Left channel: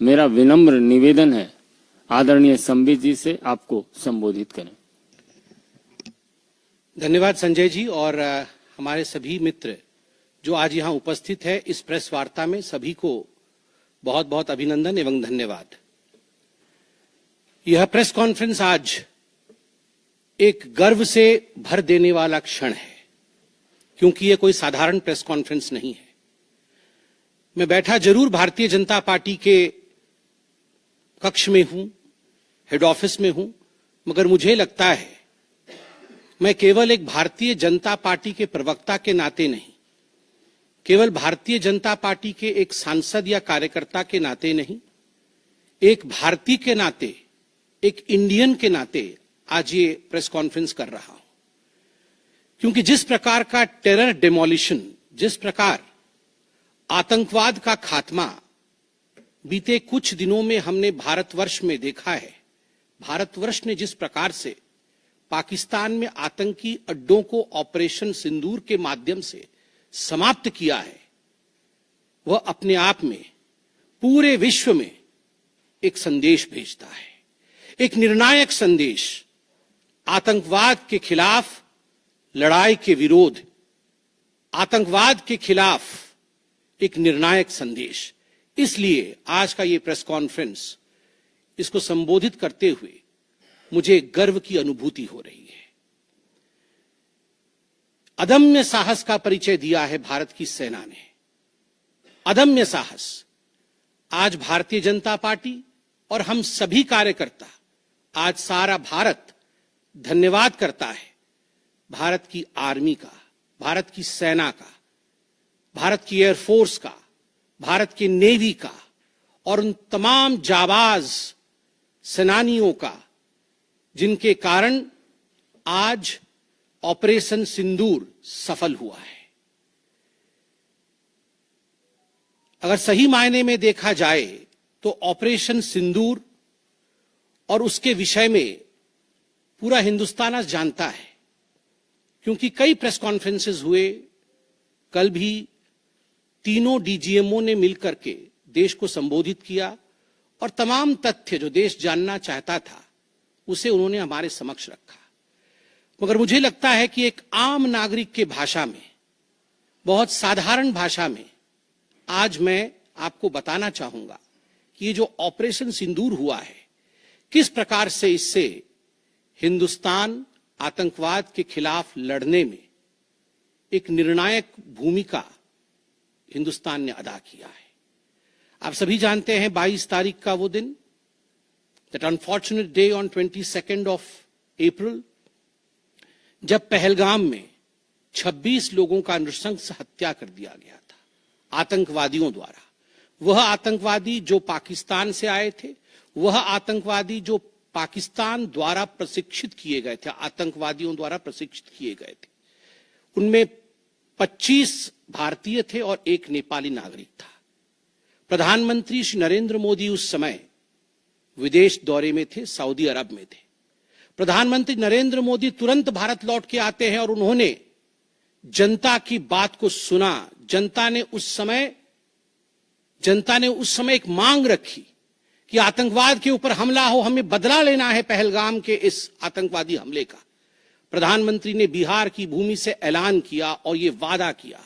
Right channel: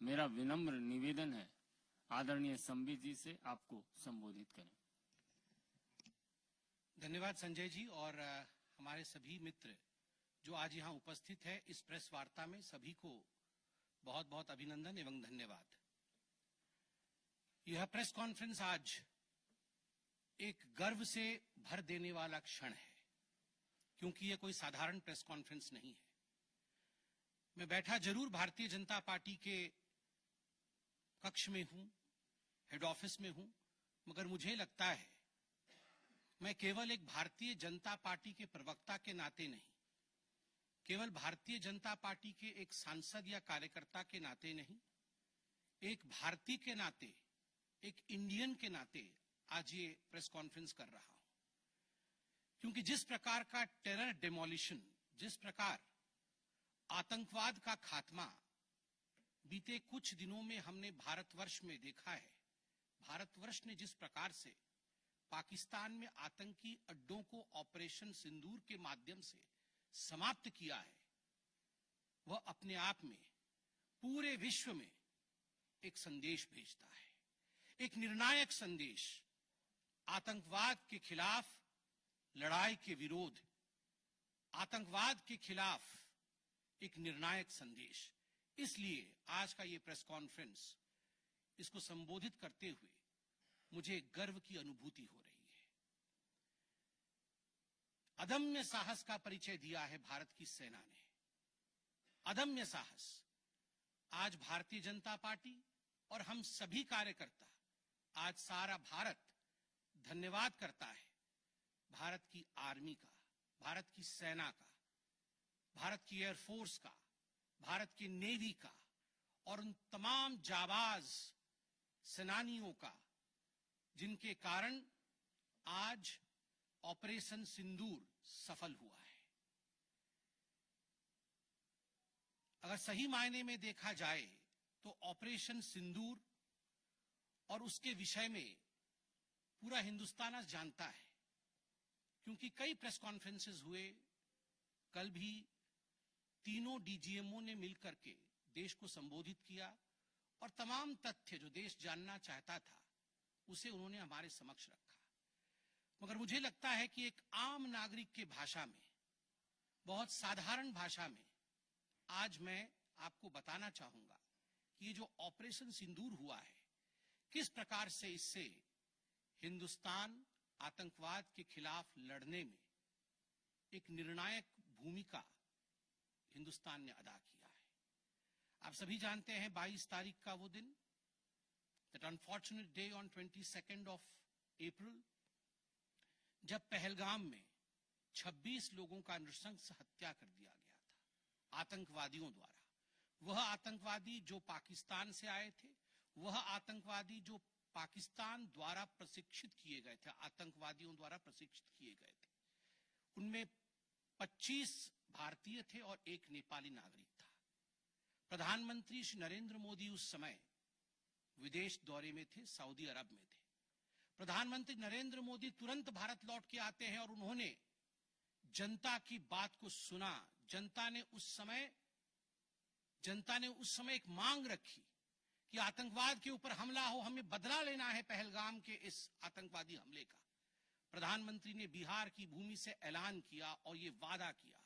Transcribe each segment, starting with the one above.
मेरा विनम्र निवेदन है आदरणीय संबित जी से आपको संबोधित करें। धन्यवाद संजय जी और हमारे सभी मित्र जो आज यहाँ उपस्थित है इस प्रेस वार्ता में, सभी को बहुत बहुत अभिनंदन एवं धन्यवाद। यह प्रेस कॉन्फ्रेंस आज एक गर्व से भर देने वाला क्षण है, क्योंकि यह कोई साधारण प्रेस कॉन्फ्रेंस नहीं है। मैं बैठा जरूर भारतीय जनता पार्टी के कक्ष में हूं, हेड ऑफिस में हूं, मगर मुझे लगता है मैं केवल एक भारतीय जनता पार्टी के प्रवक्ता के नाते नहीं, केवल भारतीय जनता पार्टी के एक सांसद या कार्यकर्ता के नाते नहीं, एक भारतीय के नाते, एक इंडियन के नाते आज ये प्रेस कॉन्फ्रेंस कर रहा हूं। क्योंकि जिस प्रकार का टेरर डेमोलिशन, जिस प्रकार आतंकवाद का खात्मा बीते कुछ दिनों में हमने भारतवर्ष में देखा है, भारतवर्ष ने जिस प्रकार से पाकिस्तान में आतंकी अड्डों को ऑपरेशन सिंदूर के माध्यम से समाप्त किया है, वह अपने आप में पूरे विश्व में एक संदेश भेजता है, एक निर्णायक संदेश। आतंकवाद के खिलाफ लड़ाई के विरोध, आतंकवाद के खिलाफ एक निर्णायक संदेश। इसलिए आज का ये प्रेस कॉन्फ्रेंस, इसको संबोधित करते हुए मुझे गर्व की अनुभूति हो रही है। अदम्य साहस का परिचय दिया है भारत की सेना ने, अदम्य साहस। आज भारतीय जनता पार्टी और हम सभी कार्यकर्ता, आज सारा भारत धन्यवाद करता है भारत की आर्मी का, भारत की सेना का, भारत की एयरफोर्स का, भारत की नेवी का और उन तमाम जाबाज सेनानियों का जिनके कारण आज ऑपरेशन सिंदूर सफल हुआ है। अगर सही मायने में देखा जाए तो ऑपरेशन सिंदूर और उसके विषय में पूरा हिंदुस्तान आज जानता है, क्योंकि कई प्रेस कॉन्फ्रेंसेस हुए। कल भी तीनों डीजीएमओ ने मिलकर के देश को संबोधित किया और तमाम तथ्य जो देश जानना चाहता था उसे उन्होंने हमारे समक्ष रखा। मगर मुझे लगता है कि एक आम नागरिक के भाषा में, बहुत साधारण भाषा में आज मैं आपको बताना चाहूंगा कि ये जो ऑपरेशन सिंदूर हुआ है, किस प्रकार से इससे हिंदुस्तान आतंकवाद के खिलाफ लड़ने में एक निर्णायक भूमिका हिंदुस्तान ने अदा किया है। आप सभी जानते हैं 22 तारीख का वो दिन, that unfortunate day on 22 of April, जब पहलगाम में 26 लोगों का नृशंस हत्या कर दिया गया था आतंकवादियों द्वारा। वह आतंकवादी जो पाकिस्तान से आए थे, वह आतंकवादी जो पाकिस्तान द्वारा प्रशिक्षित किए गए थे, आतंकवादियों द्वारा प्रशिक्षित किए गए थे। उनमें 25 भारतीय थे और एक नेपाली नागरिक था। प्रधानमंत्री श्री नरेंद्र मोदी उस समय विदेश दौरे में थे, सऊदी अरब में थे। प्रधानमंत्री नरेंद्र मोदी तुरंत भारत लौट के आते हैं और उन्होंने जनता की बात को सुना। जनता ने उस समय एक मांग रखी कि आतंकवाद के ऊपर हमला हो, हमें बदला लेना है पहलगाम के इस आतंकवादी हमले का। प्रधानमंत्री ने बिहार की भूमि से ऐलान किया और ये वादा किया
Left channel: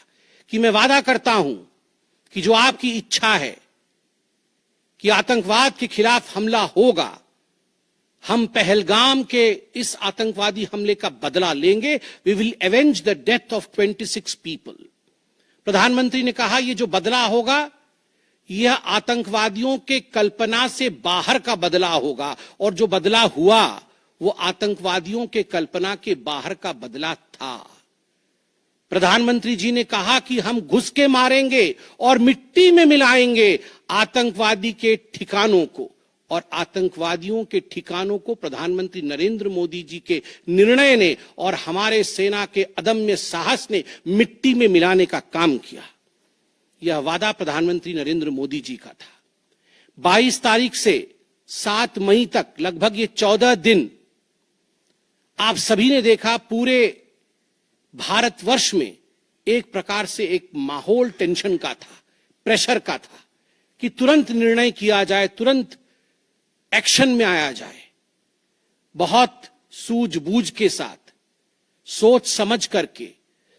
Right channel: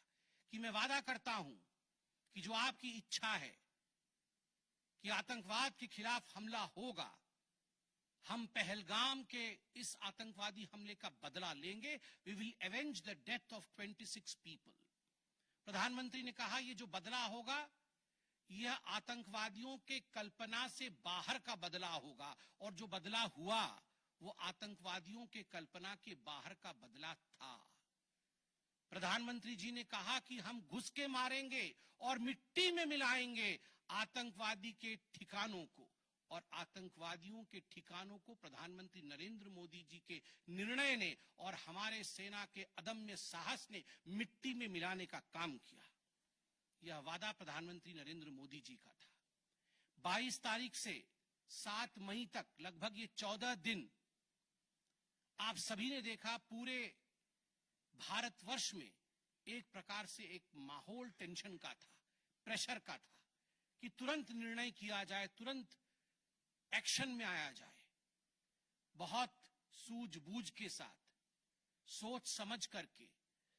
कि मैं वादा करता हूं कि जो आपकी इच्छा है कि आतंकवाद के खिलाफ हमला होगा, हम पहलगाम के इस आतंकवादी हमले का बदला लेंगे। We will avenge the death of 26 people. प्रधानमंत्री ने कहा ये जो बदला होगा यह आतंकवादियों के कल्पना से बाहर का बदला होगा, और जो बदला हुआ वो आतंकवादियों के कल्पना के बाहर का बदला था। प्रधानमंत्री जी ने कहा कि हम घुस के मारेंगे और मिट्टी में मिलाएंगे आतंकवादी के ठिकानों को, और आतंकवादियों के ठिकानों को प्रधानमंत्री नरेंद्र मोदी जी के निर्णय ने और हमारे सेना के अदम्य साहस ने मिट्टी में मिलाने का काम किया। यह वादा प्रधानमंत्री नरेंद्र मोदी जी का था। 22 तारीख से 7 मई तक लगभग ये 14 दिन आप सभी ने देखा पूरे भारतवर्ष में एक प्रकार से एक माहौल टेंशन का था, प्रेशर का था, कि तुरंत निर्णय किया जाए, तुरंत एक्शन में आया जाए। बहुत सूझबूझ के साथ, सोच समझ करके,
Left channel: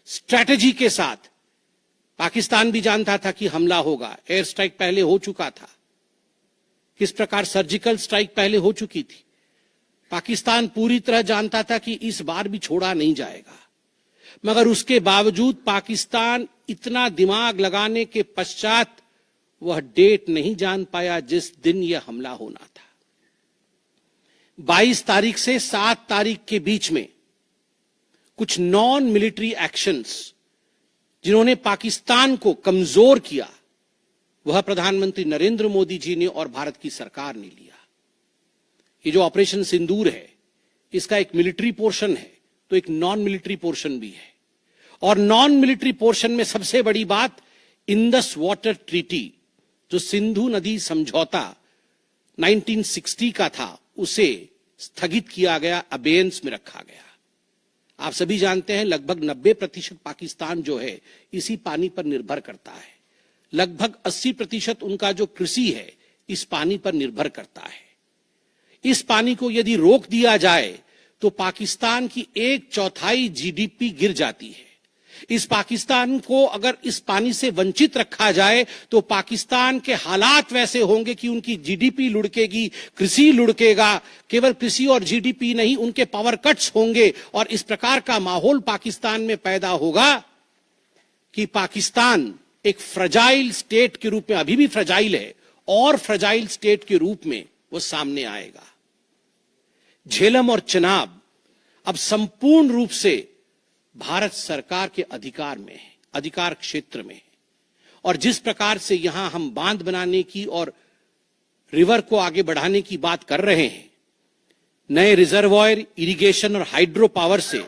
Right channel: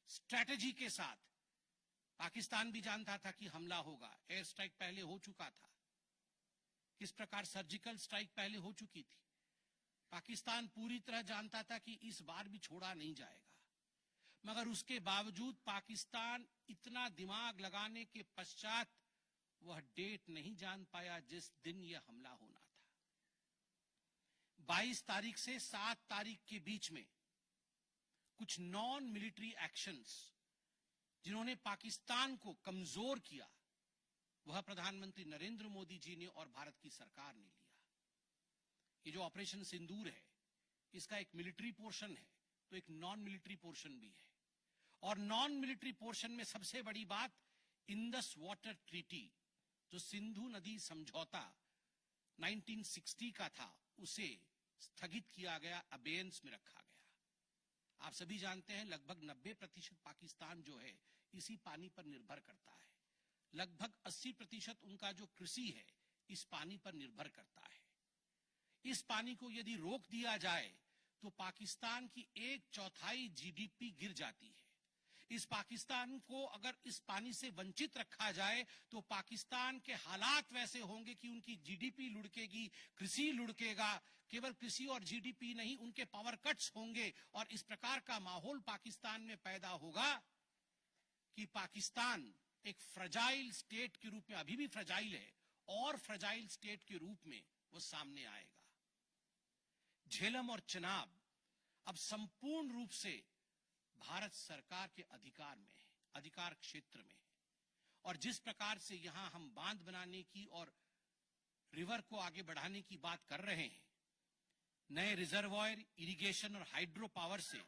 स्ट्रैटेजी के साथ। पाकिस्तान भी जानता था कि हमला होगा, एयर स्ट्राइक पहले हो चुका था, किस प्रकार सर्जिकल स्ट्राइक पहले हो चुकी थी। पाकिस्तान पूरी तरह जानता था कि इस बार भी छोड़ा नहीं जाएगा, मगर उसके बावजूद पाकिस्तान इतना दिमाग लगाने के पश्चात वह डेट नहीं जान पाया जिस दिन यह हमला होना था। 22 तारीख से 7 तारीख के बीच में कुछ नॉन मिलिट्री एक्शंस जिन्होंने पाकिस्तान को कमजोर किया, वह प्रधानमंत्री नरेंद्र मोदी जी ने और भारत की सरकार ने लिया। ये जो ऑपरेशन सिंदूर है, इसका एक मिलिट्री पोर्शन है तो एक नॉन मिलिट्री पोर्शन भी है। और नॉन मिलिट्री पोर्शन में सबसे बड़ी बात इंडस वाटर ट्रीटी, जो सिंधु नदी समझौता 1960 का था, उसे स्थगित किया गया, अबेयंस में रखा गया। आप सभी जानते हैं लगभग 90% पाकिस्तान जो है इसी पानी पर निर्भर करता है। लगभग 80% उनका जो कृषि है इस पानी पर निर्भर करता है। इस पानी को यदि रोक दिया जाए तो पाकिस्तान की 1/4 जीडीपी गिर जाती है। इस पाकिस्तान को अगर इस पानी से वंचित रखा जाए तो पाकिस्तान के हालात वैसे होंगे कि उनकी जीडीपी लुढ़केगी, कृषि लुढ़केगा। केवल कृषि और जीडीपी नहीं, उनके पावर कट्स होंगे और इस प्रकार का माहौल पाकिस्तान में पैदा होगा कि पाकिस्तान एक फ्रजाइल स्टेट के रूप में, अभी भी फ्रजाइल है, और फ्रजाइल स्टेट के रूप में वो सामने आएगा। झेलम और चनाब अब संपूर्ण रूप से भारत सरकार के अधिकार में है, अधिकार क्षेत्र में है। और जिस प्रकार से यहां हम बांध बनाने की और रिवर को आगे बढ़ाने की बात कर रहे हैं, नए रिजर्वॉयर, इरिगेशन और हाइड्रो पावर से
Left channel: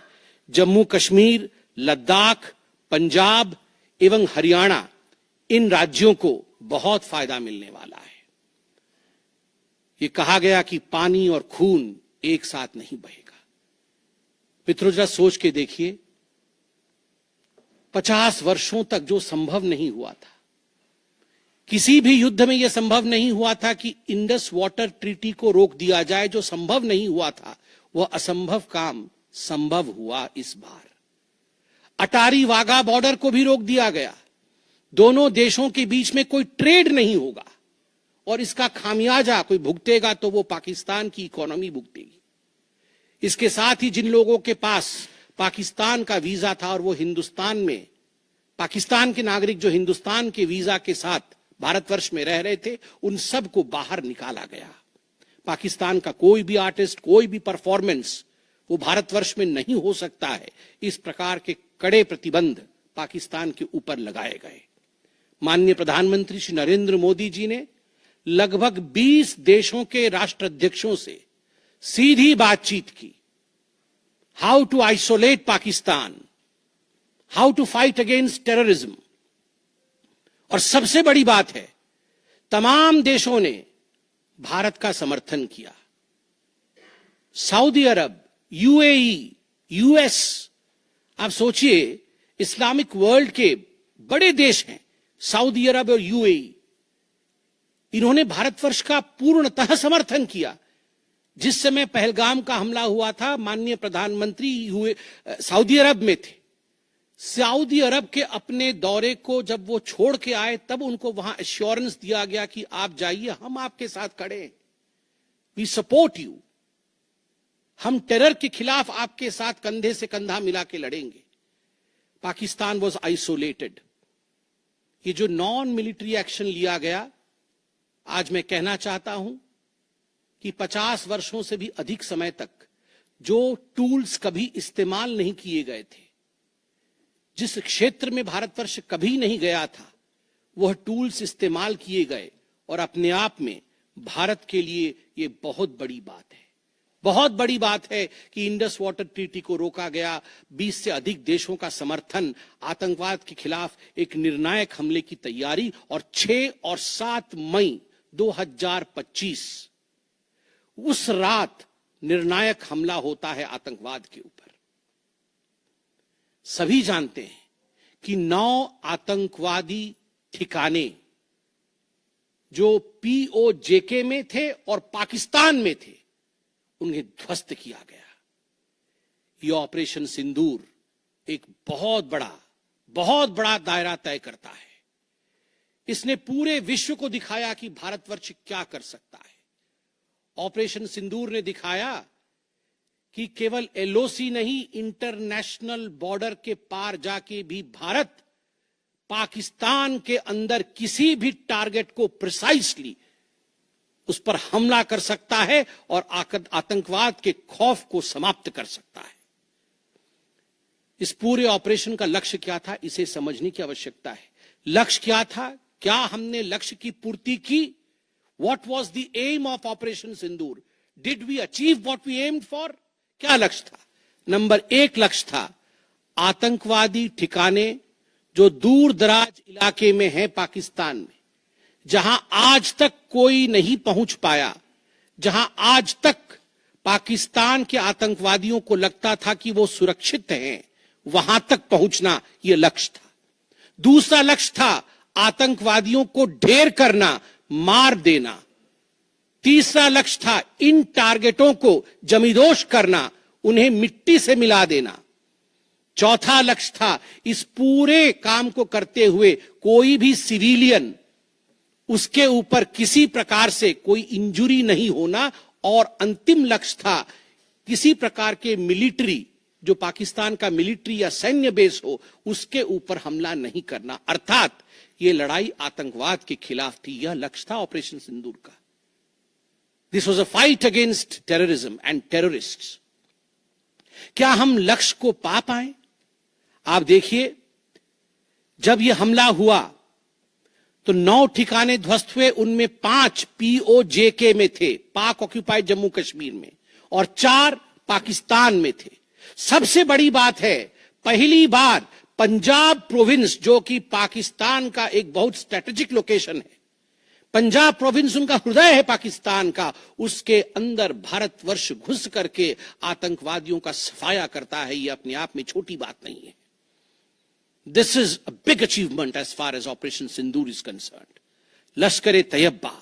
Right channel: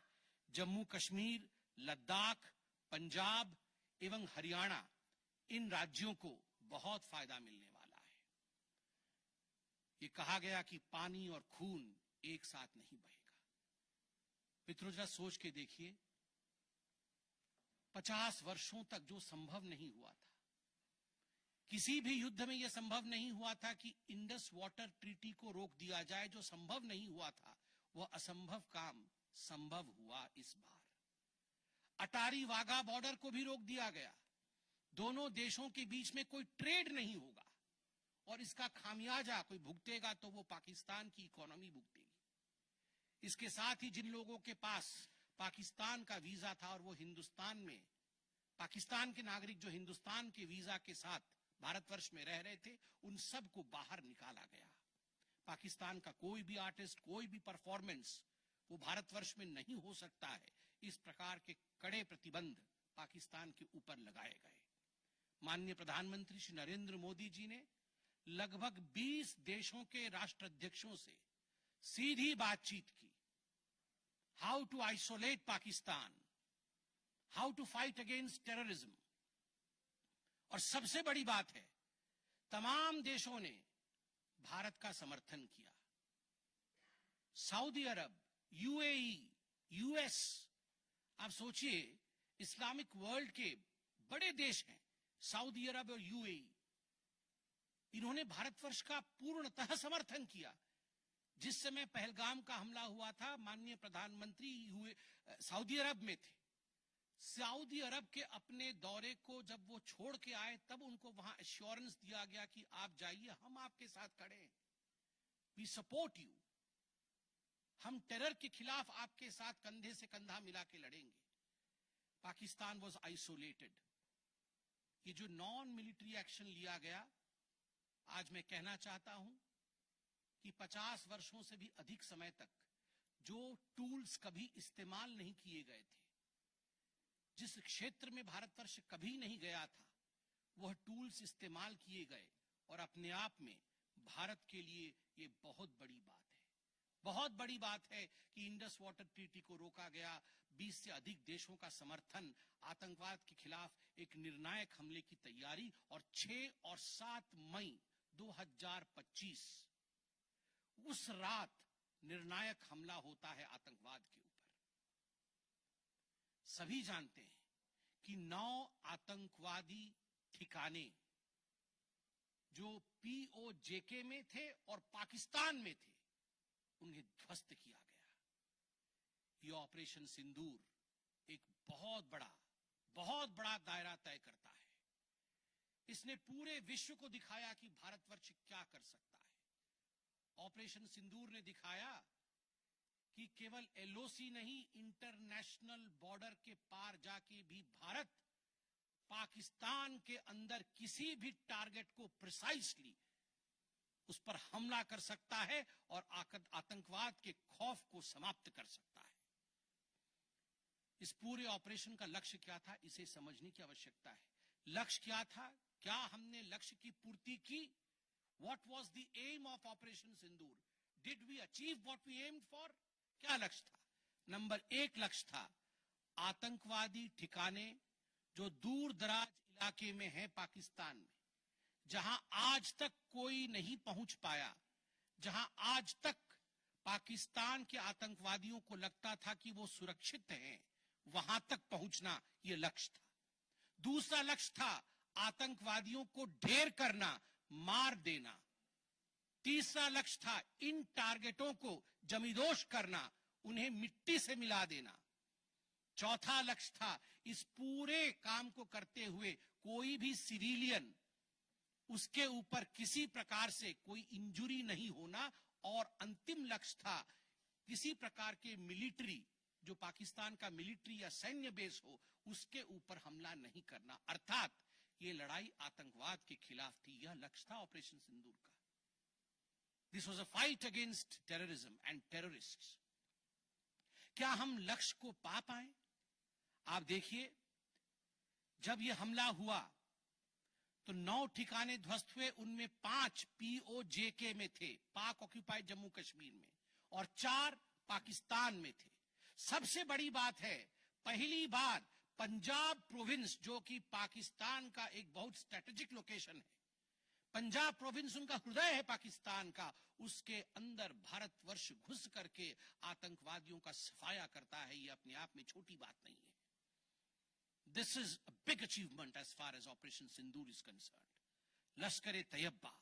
जम्मू कश्मीर, लद्दाख, पंजाब एवं हरियाणा, इन राज्यों को बहुत फायदा मिलने वाला है। ये कहा गया कि पानी और खून एक साथ नहीं बहेगा। मित्रों, जरा सोच के देखिए, 50 वर्षों तक जो संभव नहीं हुआ था, किसी भी युद्ध में यह संभव नहीं हुआ था कि इंडस वाटर ट्रीटी को रोक दिया जाए। जो संभव नहीं हुआ था वह असंभव काम संभव हुआ इस बार। अटारी वाघा बॉर्डर को भी रोक दिया गया। दोनों देशों के बीच में कोई ट्रेड नहीं होगा और इसका खामियाजा कोई भुगतेगा तो वो पाकिस्तान की इकोनॉमी भुगतेगी। इसके साथ ही जिन लोगों के पास पाकिस्तान का वीजा था और वो हिंदुस्तान में, पाकिस्तान के नागरिक जो हिंदुस्तान के वीजा के साथ भारतवर्ष में रह रहे थे, उन सब को बाहर निकाला गया। पाकिस्तान का कोई भी आर्टिस्ट, कोई भी परफॉर्मेंस वो भारतवर्ष में नहीं हो सकता है। इस प्रकार के कड़े प्रतिबंध पाकिस्तान के ऊपर लगाए गए। माननीय प्रधानमंत्री श्री नरेंद्र मोदी जी ने लगभग 20 देशों के राष्ट्राध्यक्षों से सीधी बातचीत की। How to isolate Pakistan, how to fight against terrorism. और सबसे बड़ी बात है, तमाम देशों ने भारत का समर्थन किया। सऊदी अरब, यूएई, यूएस, आप सोचिए, इस्लामिक वर्ल्ड के बड़े देश हैं सऊदी अरब और यूएई, इन्होंने भारतवर्ष का पूर्णतः समर्थन किया। जिस समय पहलगाम का हमला हुआ था, माननीय प्रधानमंत्री सऊदी अरब में थे। सऊदी अरब के अपने दौरे को जब वो छोड़ के आए, तब उनको वहां एश्योरेंस दिया गया कि आप जाइए, हम आपके साथ खड़े हैं, वी सपोर्ट यू, हम टेरर के खिलाफ आपके साथ कंधे से कंधा मिला के लड़ेंगे। Pakistan was isolated. ये जो नॉन मिलिट्री एक्शन लिया गया, आज मैं कहना चाहता हूं कि 50 वर्षों से भी अधिक समय तक जो टूल्स कभी इस्तेमाल नहीं किए गए थे, जिस क्षेत्र में भारतवर्ष कभी नहीं गया था, वह टूल्स इस्तेमाल किए गए और अपने आप में भारत के लिए ये बहुत बड़ी बात है। बहुत बड़ी बात है कि इंडस वाटर ट्रीटी को रोका गया। 20 से अधिक देशों का समर्थन, आतंकवाद के खिलाफ एक निर्णायक हमले की तैयारी, और 6 और 7 मई 2025 उस रात निर्णायक हमला होता है आतंकवाद के ऊपर। सभी जानते हैं कि 9 आतंकवादी ठिकाने जो पीओजेके में थे और पाकिस्तान में थे, उन्हें ध्वस्त किया गया। यह ऑपरेशन सिंदूर एक बहुत बड़ा दायरा तय करता है। इसने पूरे विश्व को दिखाया कि भारतवर्ष क्या कर सकता है। ऑपरेशन सिंदूर ने दिखाया कि केवल एलओसी नहीं, इंटरनेशनल बॉर्डर के पार जाके भी भारत पाकिस्तान के अंदर किसी भी टारगेट को प्रिसाइसली उस पर हमला कर सकता है और आतंकवाद के खौफ को समाप्त कर सकता है। इस पूरे ऑपरेशन का लक्ष्य क्या था, इसे समझने की आवश्यकता है। लक्ष्य क्या था? क्या हमने लक्ष्य की पूर्ति की? What was the aim of Operation Sindoor? Did we achieve what we aimed for? क्या लक्ष्य था? नंबर 1 लक्ष्य था आतंकवादी ठिकाने जो दूर दराज इलाके में है पाकिस्तान में, जहां आज तक कोई नहीं पहुंच पाया, जहां आज तक पाकिस्तान के आतंकवादियों को लगता था कि वो सुरक्षित हैं, वहां तक पहुंचना यह लक्ष्य था। दूसरा लक्ष्य था आतंकवादियों को ढेर करना, मार देना। तीसरा लक्ष्य था इन टारगेटों को जमींदोज करना, उन्हें मिट्टी से मिला देना। चौथा लक्ष्य था इस पूरे काम को करते हुए कोई भी सिविलियन, उसके ऊपर किसी प्रकार से कोई इंजुरी नहीं होना। और अंतिम लक्ष्य था किसी प्रकार के मिलिट्री, जो पाकिस्तान का मिलिट्री या सैन्य बेस हो, उसके ऊपर हमला नहीं करना। अर्थात ये लड़ाई आतंकवाद के खिलाफ थी। यह लक्ष्य था ऑपरेशन सिंदूर का। This was a fight against terrorism and terrorists. क्या हम लक्ष्य को पा पाए? आप देखिए, जब यह हमला हुआ तो 9 ठिकाने ध्वस्त हुए, उनमें 5 पीओजेके में थे, पाक ऑक्यूपाइड जम्मू कश्मीर में, और 4 पाकिस्तान में थे। सबसे बड़ी बात है, पहली बार पंजाब प्रोविंस, जो कि पाकिस्तान का एक बहुत स्ट्रेटेजिक लोकेशन है, पंजाब प्रोविंस उनका हृदय है पाकिस्तान का, उसके अंदर भारतवर्ष घुस करके आतंकवादियों का सफाया करता है। यह अपने आप में छोटी बात नहीं है। This is a big achievement as far as Operation Sindoor is concerned. Lashkar-e-Taiba,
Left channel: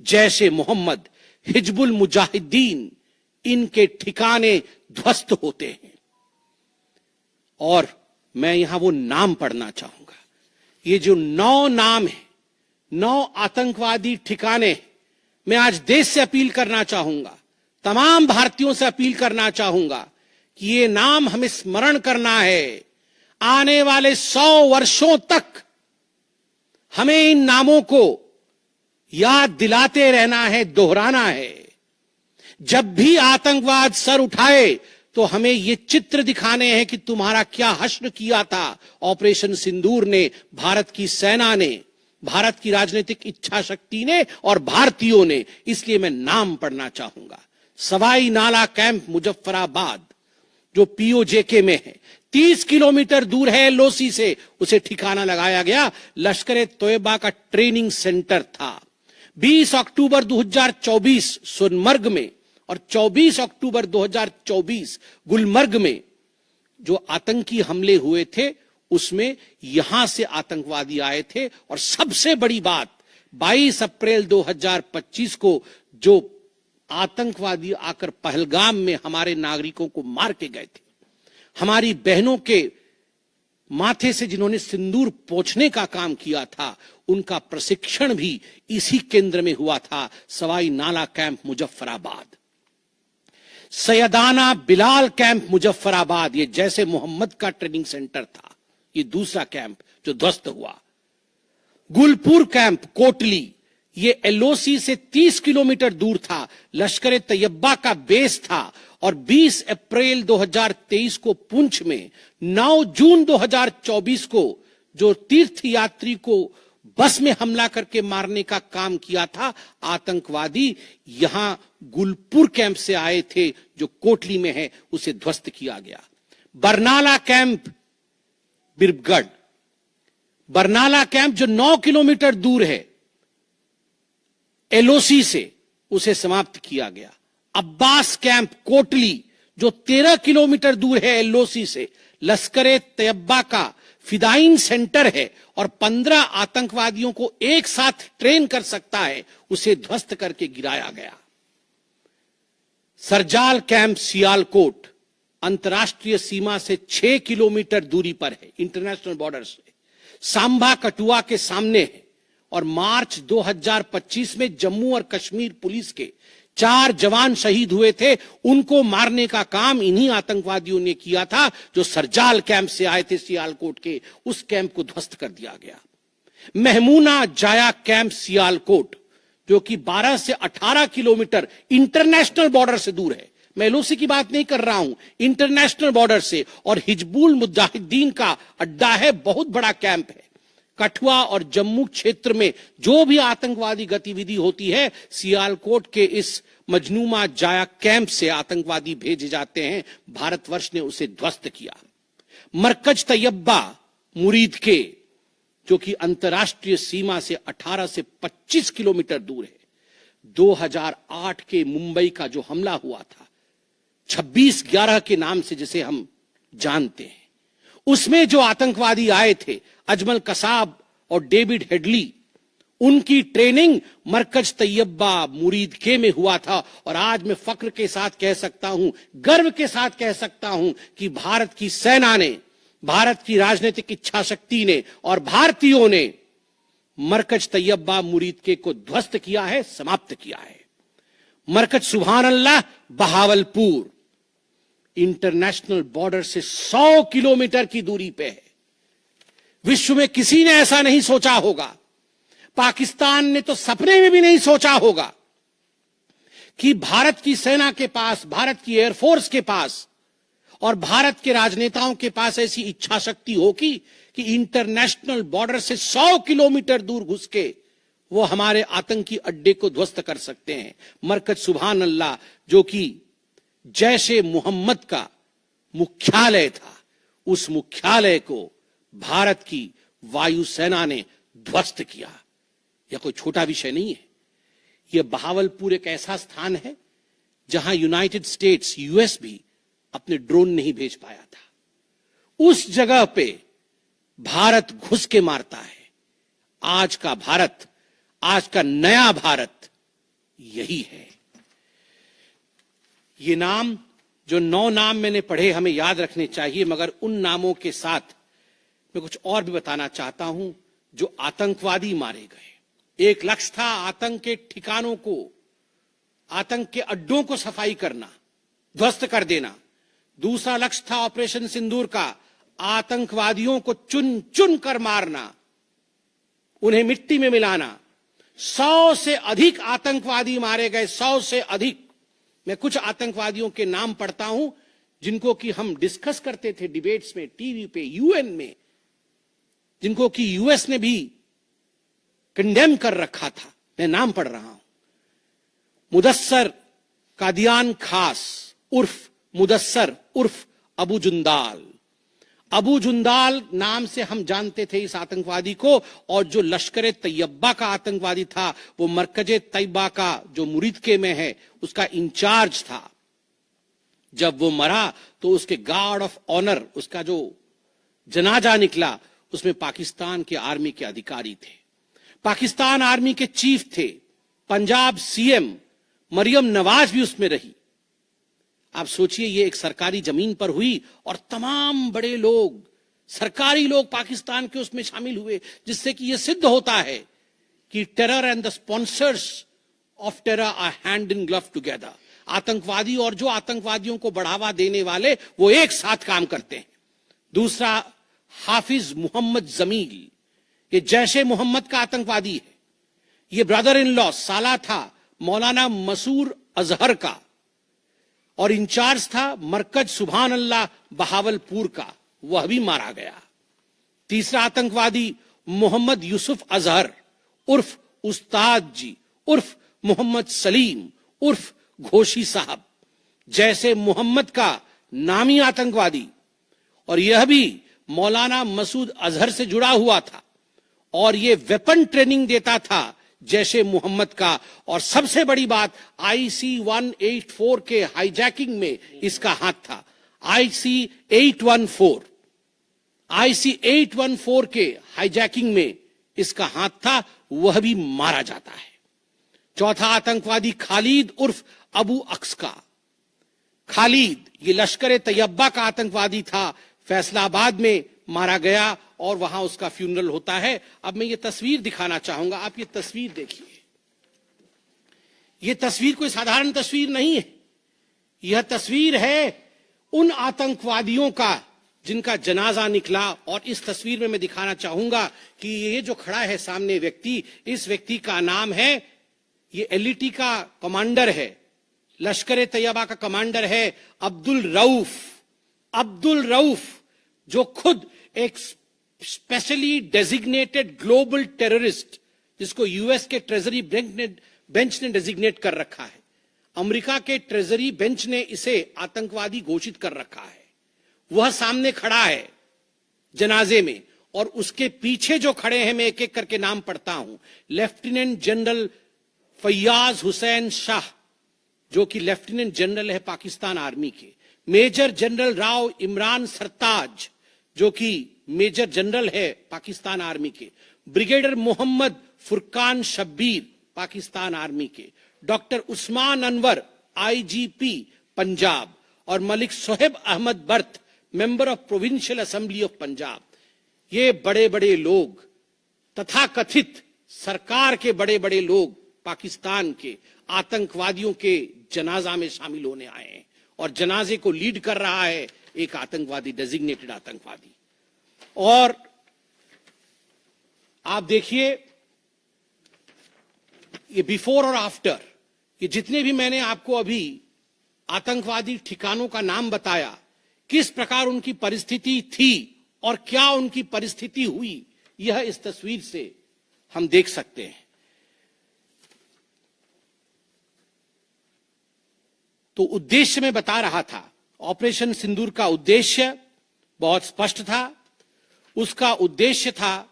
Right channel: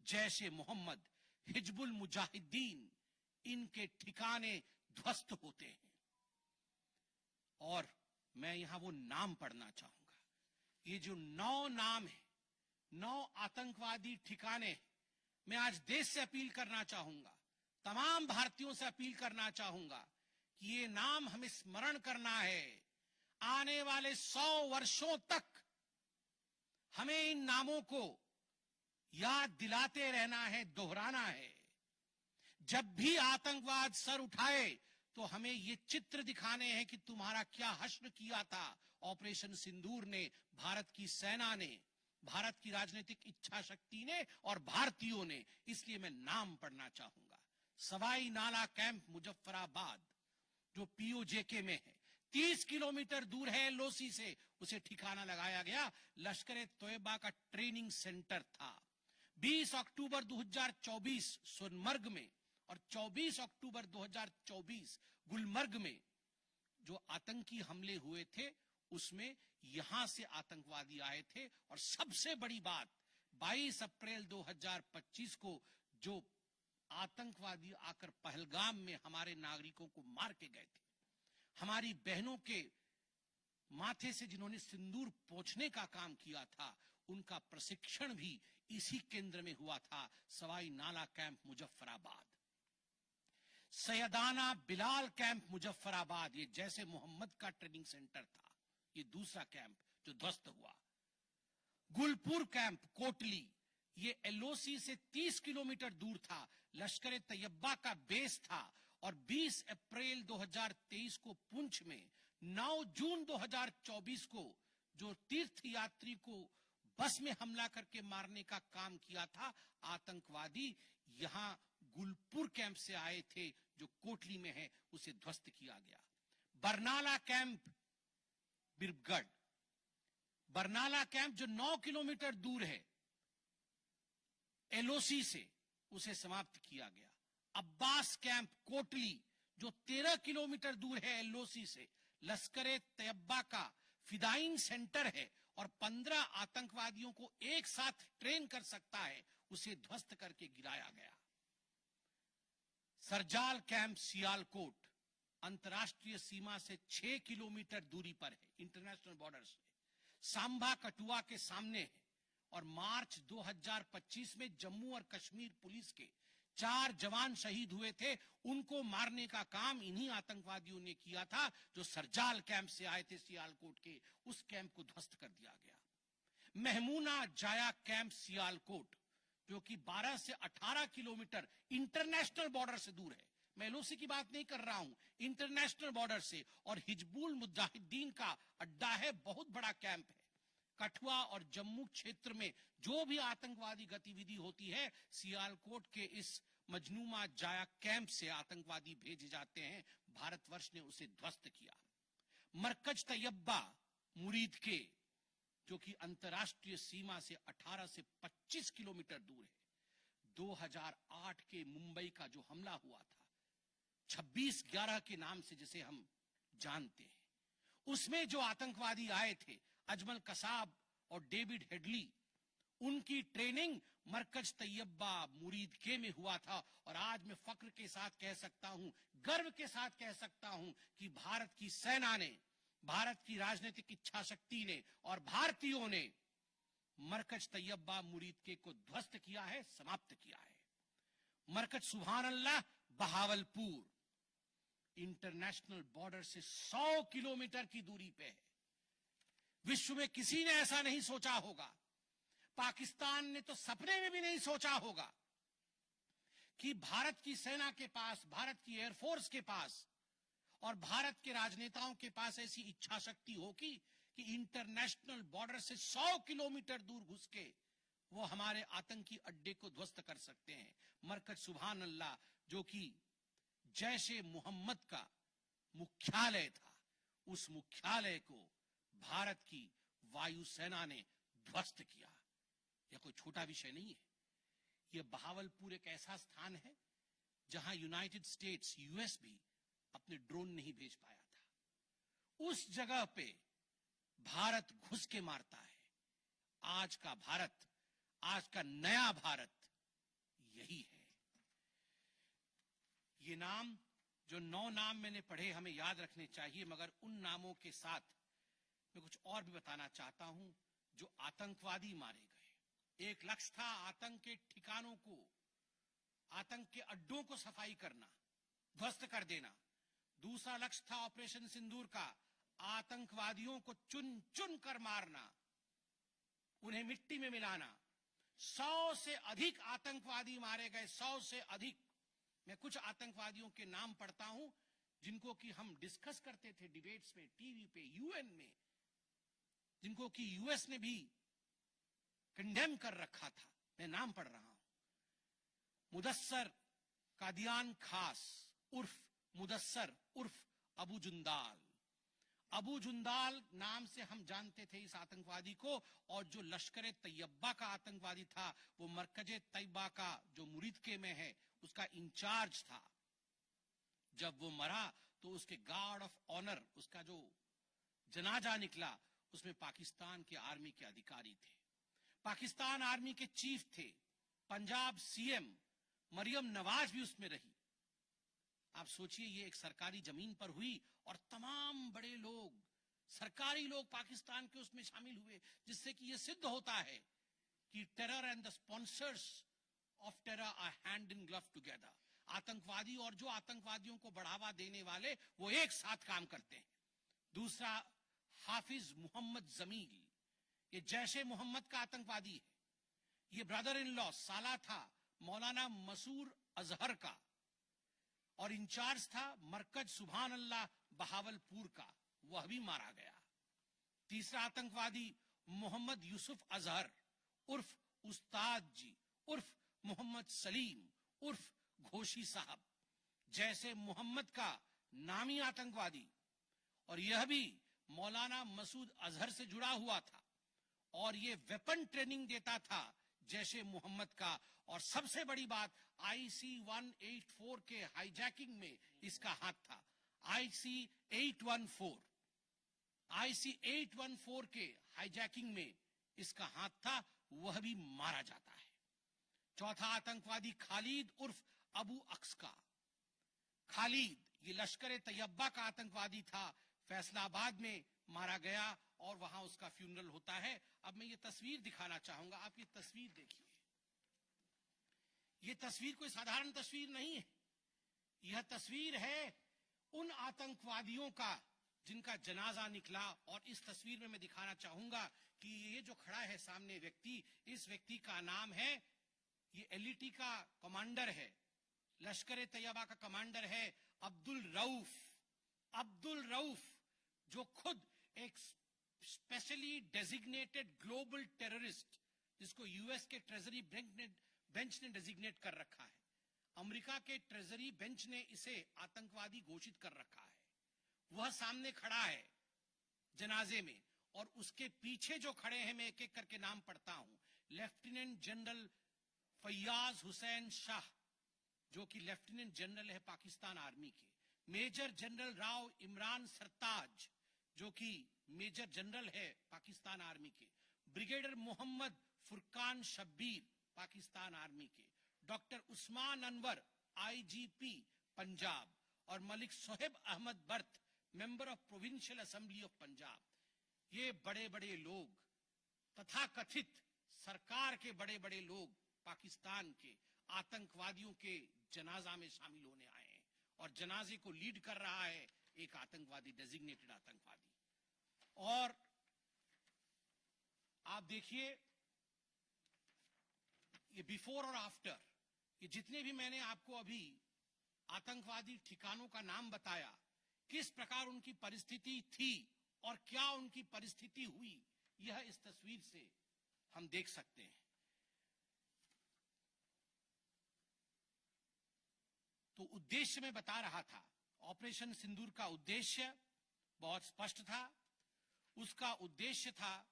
Jaish-e-Mohammed, Hizbul Mujahideen, इनके ठिकाने ध्वस्त होते हैं। और मैं यहां वो नाम पढ़ना चाहूंगा। ये जो 9 नाम है, 9 आतंकवादी ठिकाने, मैं आज देश से अपील करना चाहूंगा, तमाम भारतीयों से अपील करना चाहूंगा कि ये नाम हमें स्मरण करना है। आने वाले 100 वर्षों तक हमें इन नामों को याद दिलाते रहना है, दोहराना है। जब भी आतंकवाद सर उठाए तो हमें ये चित्र दिखाने हैं कि तुम्हारा क्या हश्र किया था ऑपरेशन सिंदूर ने, भारत की सेना ने, भारत की राजनीतिक इच्छा शक्ति ने और भारतीयों ने। इसलिए मैं नाम पढ़ना चाहूंगा। सवाई नाला कैंप मुजफ्फराबाद, जो पीओजेके में है, 30 किलोमीटर दूर है एलओसी से, उसे ठिकाना लगाया गया। लश्कर-ए-तैयबा का ट्रेनिंग सेंटर था। 20 अक्टूबर 2024 सोनमर्ग में और 24 अक्टूबर 2024 गुलमर्ग में जो आतंकी हमले हुए थे, उसमें यहां से आतंकवादी आए थे। और सबसे बड़ी बात, 22 अप्रैल 2025 को जो आतंकवादी आकर पहलगाम में हमारे नागरिकों को मार के गए थे, हमारी बहनों के माथे से जिन्होंने सिंदूर पोंछने का काम किया था, उनका प्रशिक्षण भी इसी केंद्र में हुआ था, सवाई नाला कैंप मुजफ्फराबाद। सैयदाना बिलाल कैंप मुजफ्फराबाद, ये जैसे मोहम्मद का ट्रेनिंग सेंटर था, ये दूसरा कैंप जो ध्वस्त हुआ। गुलपुर कैंप कोटली, ये एलओसी से 30 किलोमीटर दूर था, लश्कर-ए-तैयबा का बेस था। और 20 अप्रैल 2023 को पुंछ में, 9 जून 2024 को जो तीर्थ यात्री को बस में हमला करके मारने का काम किया था आतंकवादी, यहां गुलपुर कैंप से आए थे जो कोटली में है, उसे ध्वस्त किया गया। बरनाला कैंप बिरगढ़, बरनाला कैंप जो 9 किलोमीटर दूर है एलओसी से, उसे समाप्त किया गया। अब्बास कैंप कोटली जो 13 किलोमीटर दूर है एलओसी से, लश्कर-ए-तैयबा का फिदाइन सेंटर है और 15 आतंकवादियों को एक साथ ट्रेन कर सकता है, उसे ध्वस्त करके गिराया गया। सरजाल कैंप सियालकोट अंतर्राष्ट्रीय सीमा से 6 किलोमीटर दूरी पर है, इंटरनेशनल बॉर्डर से। सांबा कठुआ के सामने है और मार्च 2025 में जम्मू और कश्मीर पुलिस के 4 जवान शहीद हुए थे। उनको मारने का काम इन्हीं आतंकवादियों ने किया था जो सरजाल कैंप से आए थे सियालकोट के। उस कैंप को ध्वस्त कर दिया गया। महमूना जाया कैंप सियालकोट, जो कि 12 से 18 किलोमीटर इंटरनेशनल बॉर्डर से दूर है, मैं एलओसी की बात नहीं कर रहा हूं, इंटरनेशनल बॉर्डर से, और हिजबुल मुजाहिदीन का अड्डा है, बहुत बड़ा कैंप है। कठुआ और जम्मू क्षेत्र में जो भी आतंकवादी गतिविधि होती है, सियालकोट के इस मजनूमा जाया कैंप से आतंकवादी भेजे जाते हैं। भारतवर्ष ने उसे ध्वस्त किया। मरकज तैयबा मुरीद के, जो कि अंतर्राष्ट्रीय सीमा से 18 से 25 किलोमीटर दूर है। 2008 के मुंबई का जो हमला हुआ था, 26/11 के नाम से जिसे हम जानते हैं, उसमें जो आतंकवादी आए थे, अजमल कसाब और डेविड हेडली, उनकी ट्रेनिंग मरकज तैयबा मुरीद के में हुआ था। और आज मैं फक्र के साथ कह सकता हूं, गर्व के साथ कह सकता हूं कि भारत की सेना ने, भारत की राजनीतिक इच्छा शक्ति ने और भारतीयों ने मरकज तैयबा मुरीद के को ध्वस्त किया है, समाप्त किया है। मरकज सुभान अल्लाह बहावलपुर इंटरनेशनल बॉर्डर से 100 किलोमीटर की दूरी पे है। विश्व में किसी ने ऐसा नहीं सोचा होगा, पाकिस्तान ने तो सपने में भी नहीं सोचा होगा कि भारत की सेना के पास, भारत की एयरफोर्स के पास और भारत के राजनेताओं के पास ऐसी इच्छा शक्ति होगी कि इंटरनेशनल बॉर्डर से 100 किलोमीटर दूर घुस के वो हमारे आतंकी अड्डे को ध्वस्त कर सकते हैं। मरकज सुभान अल्लाह, जो कि जैशे मोहम्मद का मुख्यालय था, उस मुख्यालय को भारत की वायुसेना ने ध्वस्त किया। यह कोई छोटा विषय नहीं है। यह बहावलपुर एक ऐसा स्थान है जहां यूनाइटेड स्टेट्स, यूएस भी अपने ड्रोन नहीं भेज पाया था। उस जगह पे भारत घुस के मारता है। आज का भारत, आज का नया भारत यही है। ये नाम, जो 9 नाम मैंने पढ़े, हमें याद रखने चाहिए, मगर उन नामों के साथ मैं कुछ और भी बताना चाहता हूं। जो आतंकवादी मारे गए, एक लक्ष्य था आतंक के ठिकानों को, आतंक के अड्डों को सफाई करना, ध्वस्त कर देना। दूसरा लक्ष्य था ऑपरेशन सिंदूर का, आतंकवादियों को चुन चुन कर मारना, उन्हें मिट्टी में मिलाना। 100 से अधिक आतंकवादी मारे गए, 100 से अधिक। मैं कुछ आतंकवादियों के नाम पढ़ता हूं जिनको कि हम डिस्कस करते थे डिबेट्स में, टीवी पे, यूएन में, जिनको कि यूएस ने भी कंडेम कर रखा था। मैं नाम पढ़ रहा हूं। मुदस्सर कादियान खास उर्फ मुदस्सर उर्फ अबू जुंदाल। अबू जुंदाल नाम से हम जानते थे इस आतंकवादी को। और जो लश्कर तैयबा का आतंकवादी था, वो मरकजे तैयबा का जो मुरीद के में है, उसका इंचार्ज था। जब वो मरा तो उसके गार्ड ऑफ ऑनर, उसका जो जनाजा निकला, उसमें पाकिस्तान के आर्मी के अधिकारी थे, पाकिस्तान आर्मी के चीफ थे, पंजाब सीएम मरियम नवाज भी उसमें रही। आप सोचिए, ये एक सरकारी जमीन पर हुई और तमाम बड़े लोग, सरकारी लोग पाकिस्तान के उसमें शामिल हुए, जिससे कि यह सिद्ध होता है कि terror and the sponsors of terror are hand in glove together. आतंकवादी और जो आतंकवादियों को बढ़ावा देने वाले, वो एक साथ काम करते हैं। दूसरा, हाफिज मोहम्मद जमील, ये जैशे मोहम्मद का आतंकवादी है। ये ब्रदर इन लॉ, साला था मौलाना मसूर अजहर का, और इंचार्ज था मरकज सुभान अल्लाह बहावलपुर का, वह भी मारा गया। तीसरा आतंकवादी मोहम्मद यूसुफ अजहर उर्फ उस्ताद जी उर्फ मोहम्मद सलीम उर्फ घोशी साहब, जैसे मोहम्मद का नामी आतंकवादी, और यह भी मौलाना मसूद अजहर से जुड़ा हुआ था और यह वेपन ट्रेनिंग देता था जैशे मोहम्मद का। और सबसे बड़ी बात, IC-184 के हाईजैकिंग में इसका हाथ था। IC-814 IC-814 के हाईजैकिंग में इसका हाथ था, वह भी मारा जाता है। चौथा आतंकवादी खालिद उर्फ अबू अक्स का। खालिद ये लश्कर तैयबा का आतंकवादी था, फैसलाबाद में मारा गया और वहां उसका फ्यूनरल होता है। अब मैं ये तस्वीर दिखाना चाहूंगा, आप ये तस्वीर देखिए। ये तस्वीर कोई साधारण तस्वीर नहीं है, यह तस्वीर है उन आतंकवादियों का जिनका जनाजा निकला। और इस तस्वीर में मैं दिखाना चाहूंगा कि ये जो खड़ा है सामने व्यक्ति, इस व्यक्ति का नाम है, ये LET का कमांडर है, लश्कर तैयबा का कमांडर है अब्दुल रऊफ। अब्दुल रऊफ जो खुद एक स्पेशली डेजिग्नेटेड ग्लोबल टेररिस्ट, जिसको यूएस के ट्रेजरी बेंच ने डेजिग्नेट कर रखा है, अमेरिका के ट्रेजरी बेंच ने इसे आतंकवादी घोषित कर रखा है, वह सामने खड़ा है जनाजे में। और उसके पीछे जो खड़े हैं, मैं एक एक करके नाम पढ़ता हूं। लेफ्टिनेंट जनरल फैयाज हुसैन शाह, जो कि लेफ्टिनेंट जनरल है पाकिस्तान आर्मी के। मेजर जनरल राव इमरान सरताज, जो कि मेजर जनरल है पाकिस्तान आर्मी के। ब्रिगेडियर मोहम्मद फुरकान शब्बीर, पाकिस्तान आर्मी के। Doctor Usman Anwar, IGP Punjab. और मलिक सोहेब अहमद बर्त, member of provincial assembly of Punjab. ये बड़े बड़े लोग, तथाकथित सरकार के बड़े बड़े लोग, पाकिस्तान के आतंकवादियों के जनाजा में शामिल होने आए हैं। और जनाजे को लीड कर रहा है एक आतंकवादी, डेजिग्नेटेड आतंकवादी। और आप देखिए ये बिफोर और आफ्टर, ये जितने भी मैंने आपको अभी आतंकवादी ठिकानों का नाम बताया, किस प्रकार उनकी परिस्थिति थी और क्या उनकी परिस्थिति हुई, यह इस तस्वीर से हम देख सकते हैं। तो उद्देश्य मैं बता रहा था, ऑपरेशन सिंदूर का उद्देश्य बहुत स्पष्ट था। उसका उद्देश्य था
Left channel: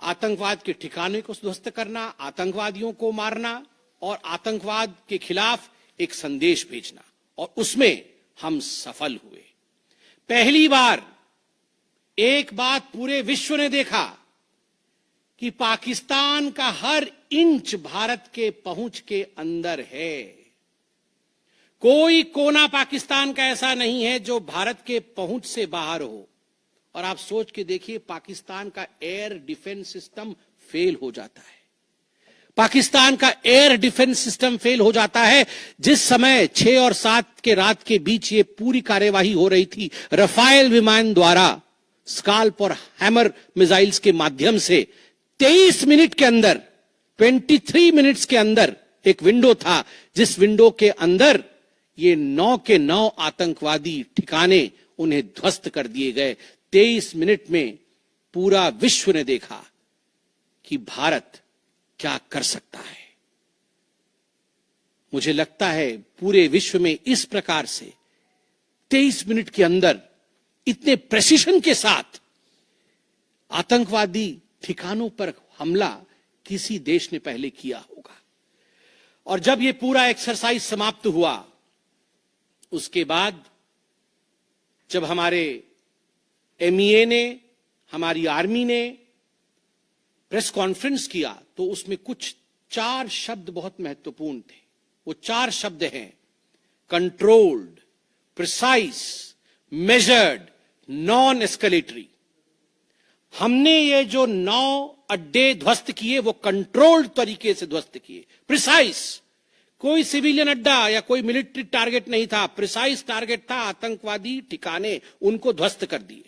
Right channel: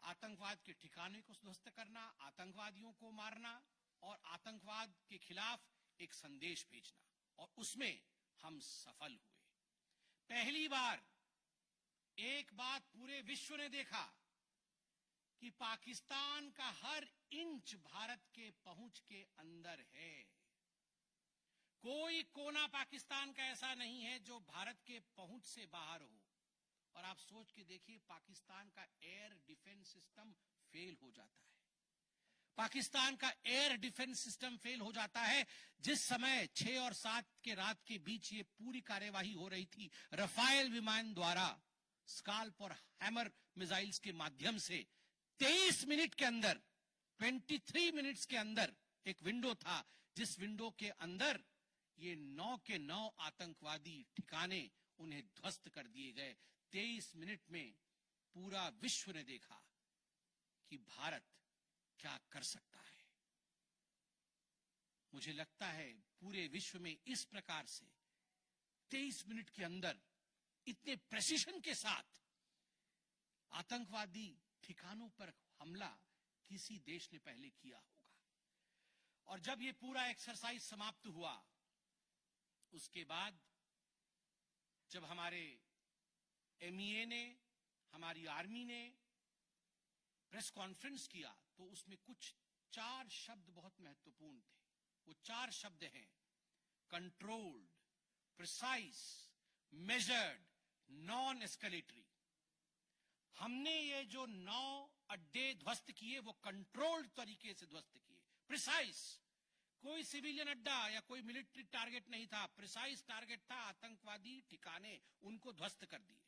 आतंकवाद के ठिकाने को ध्वस्त करना, आतंकवादियों को मारना और आतंकवाद के खिलाफ एक संदेश भेजना। और उसमें हम सफल हुए। पहली बार एक बात पूरे विश्व ने देखा कि पाकिस्तान का हर इंच भारत के पहुंच के अंदर है। कोई कोना पाकिस्तान का ऐसा नहीं है जो भारत के पहुंच से बाहर हो। और आप सोच के देखिए, पाकिस्तान का एयर डिफेंस सिस्टम फेल हो जाता है। पाकिस्तान का एयर डिफेंस सिस्टम फेल हो जाता है। जिस समय 6 और 7 के रात के बीच ये पूरी कार्यवाही हो रही थी, रफाल विमान द्वारा स्काल्प और हैमर मिसाइल्स के माध्यम से 23 मिनट के अंदर, 23 मिनट्स के अंदर एक विंडो था, जिस विंडो के अंदर ये 9 के 9 आतंकवादी ठिकाने उन्हें ध्वस्त कर दिए गए। 23 मिनट में पूरा विश्व ने देखा कि भारत क्या कर सकता है। मुझे लगता है पूरे विश्व में इस प्रकार से 23 मिनट के अंदर इतने प्रेसिशन के साथ आतंकवादी ठिकानों पर हमला किसी देश ने पहले किया होगा। और जब यह पूरा एक्सरसाइज समाप्त हुआ, उसके बाद जब हमारे MEA ने, हमारी आर्मी ने प्रेस कॉन्फ्रेंस किया, तो उसमें कुछ 4 शब्द बहुत महत्वपूर्ण थे। वो 4 शब्द हैं controlled, precise, measured, non escalatory. हमने ये जो 9 अड्डे ध्वस्त किए, वो कंट्रोल्ड तरीके से ध्वस्त किए। प्रिसाइज, कोई सिविलियन अड्डा या कोई मिलिट्री टारगेट नहीं था, प्रिसाइज टारगेट था, आतंकवादी ठिकाने, उनको ध्वस्त कर दिए।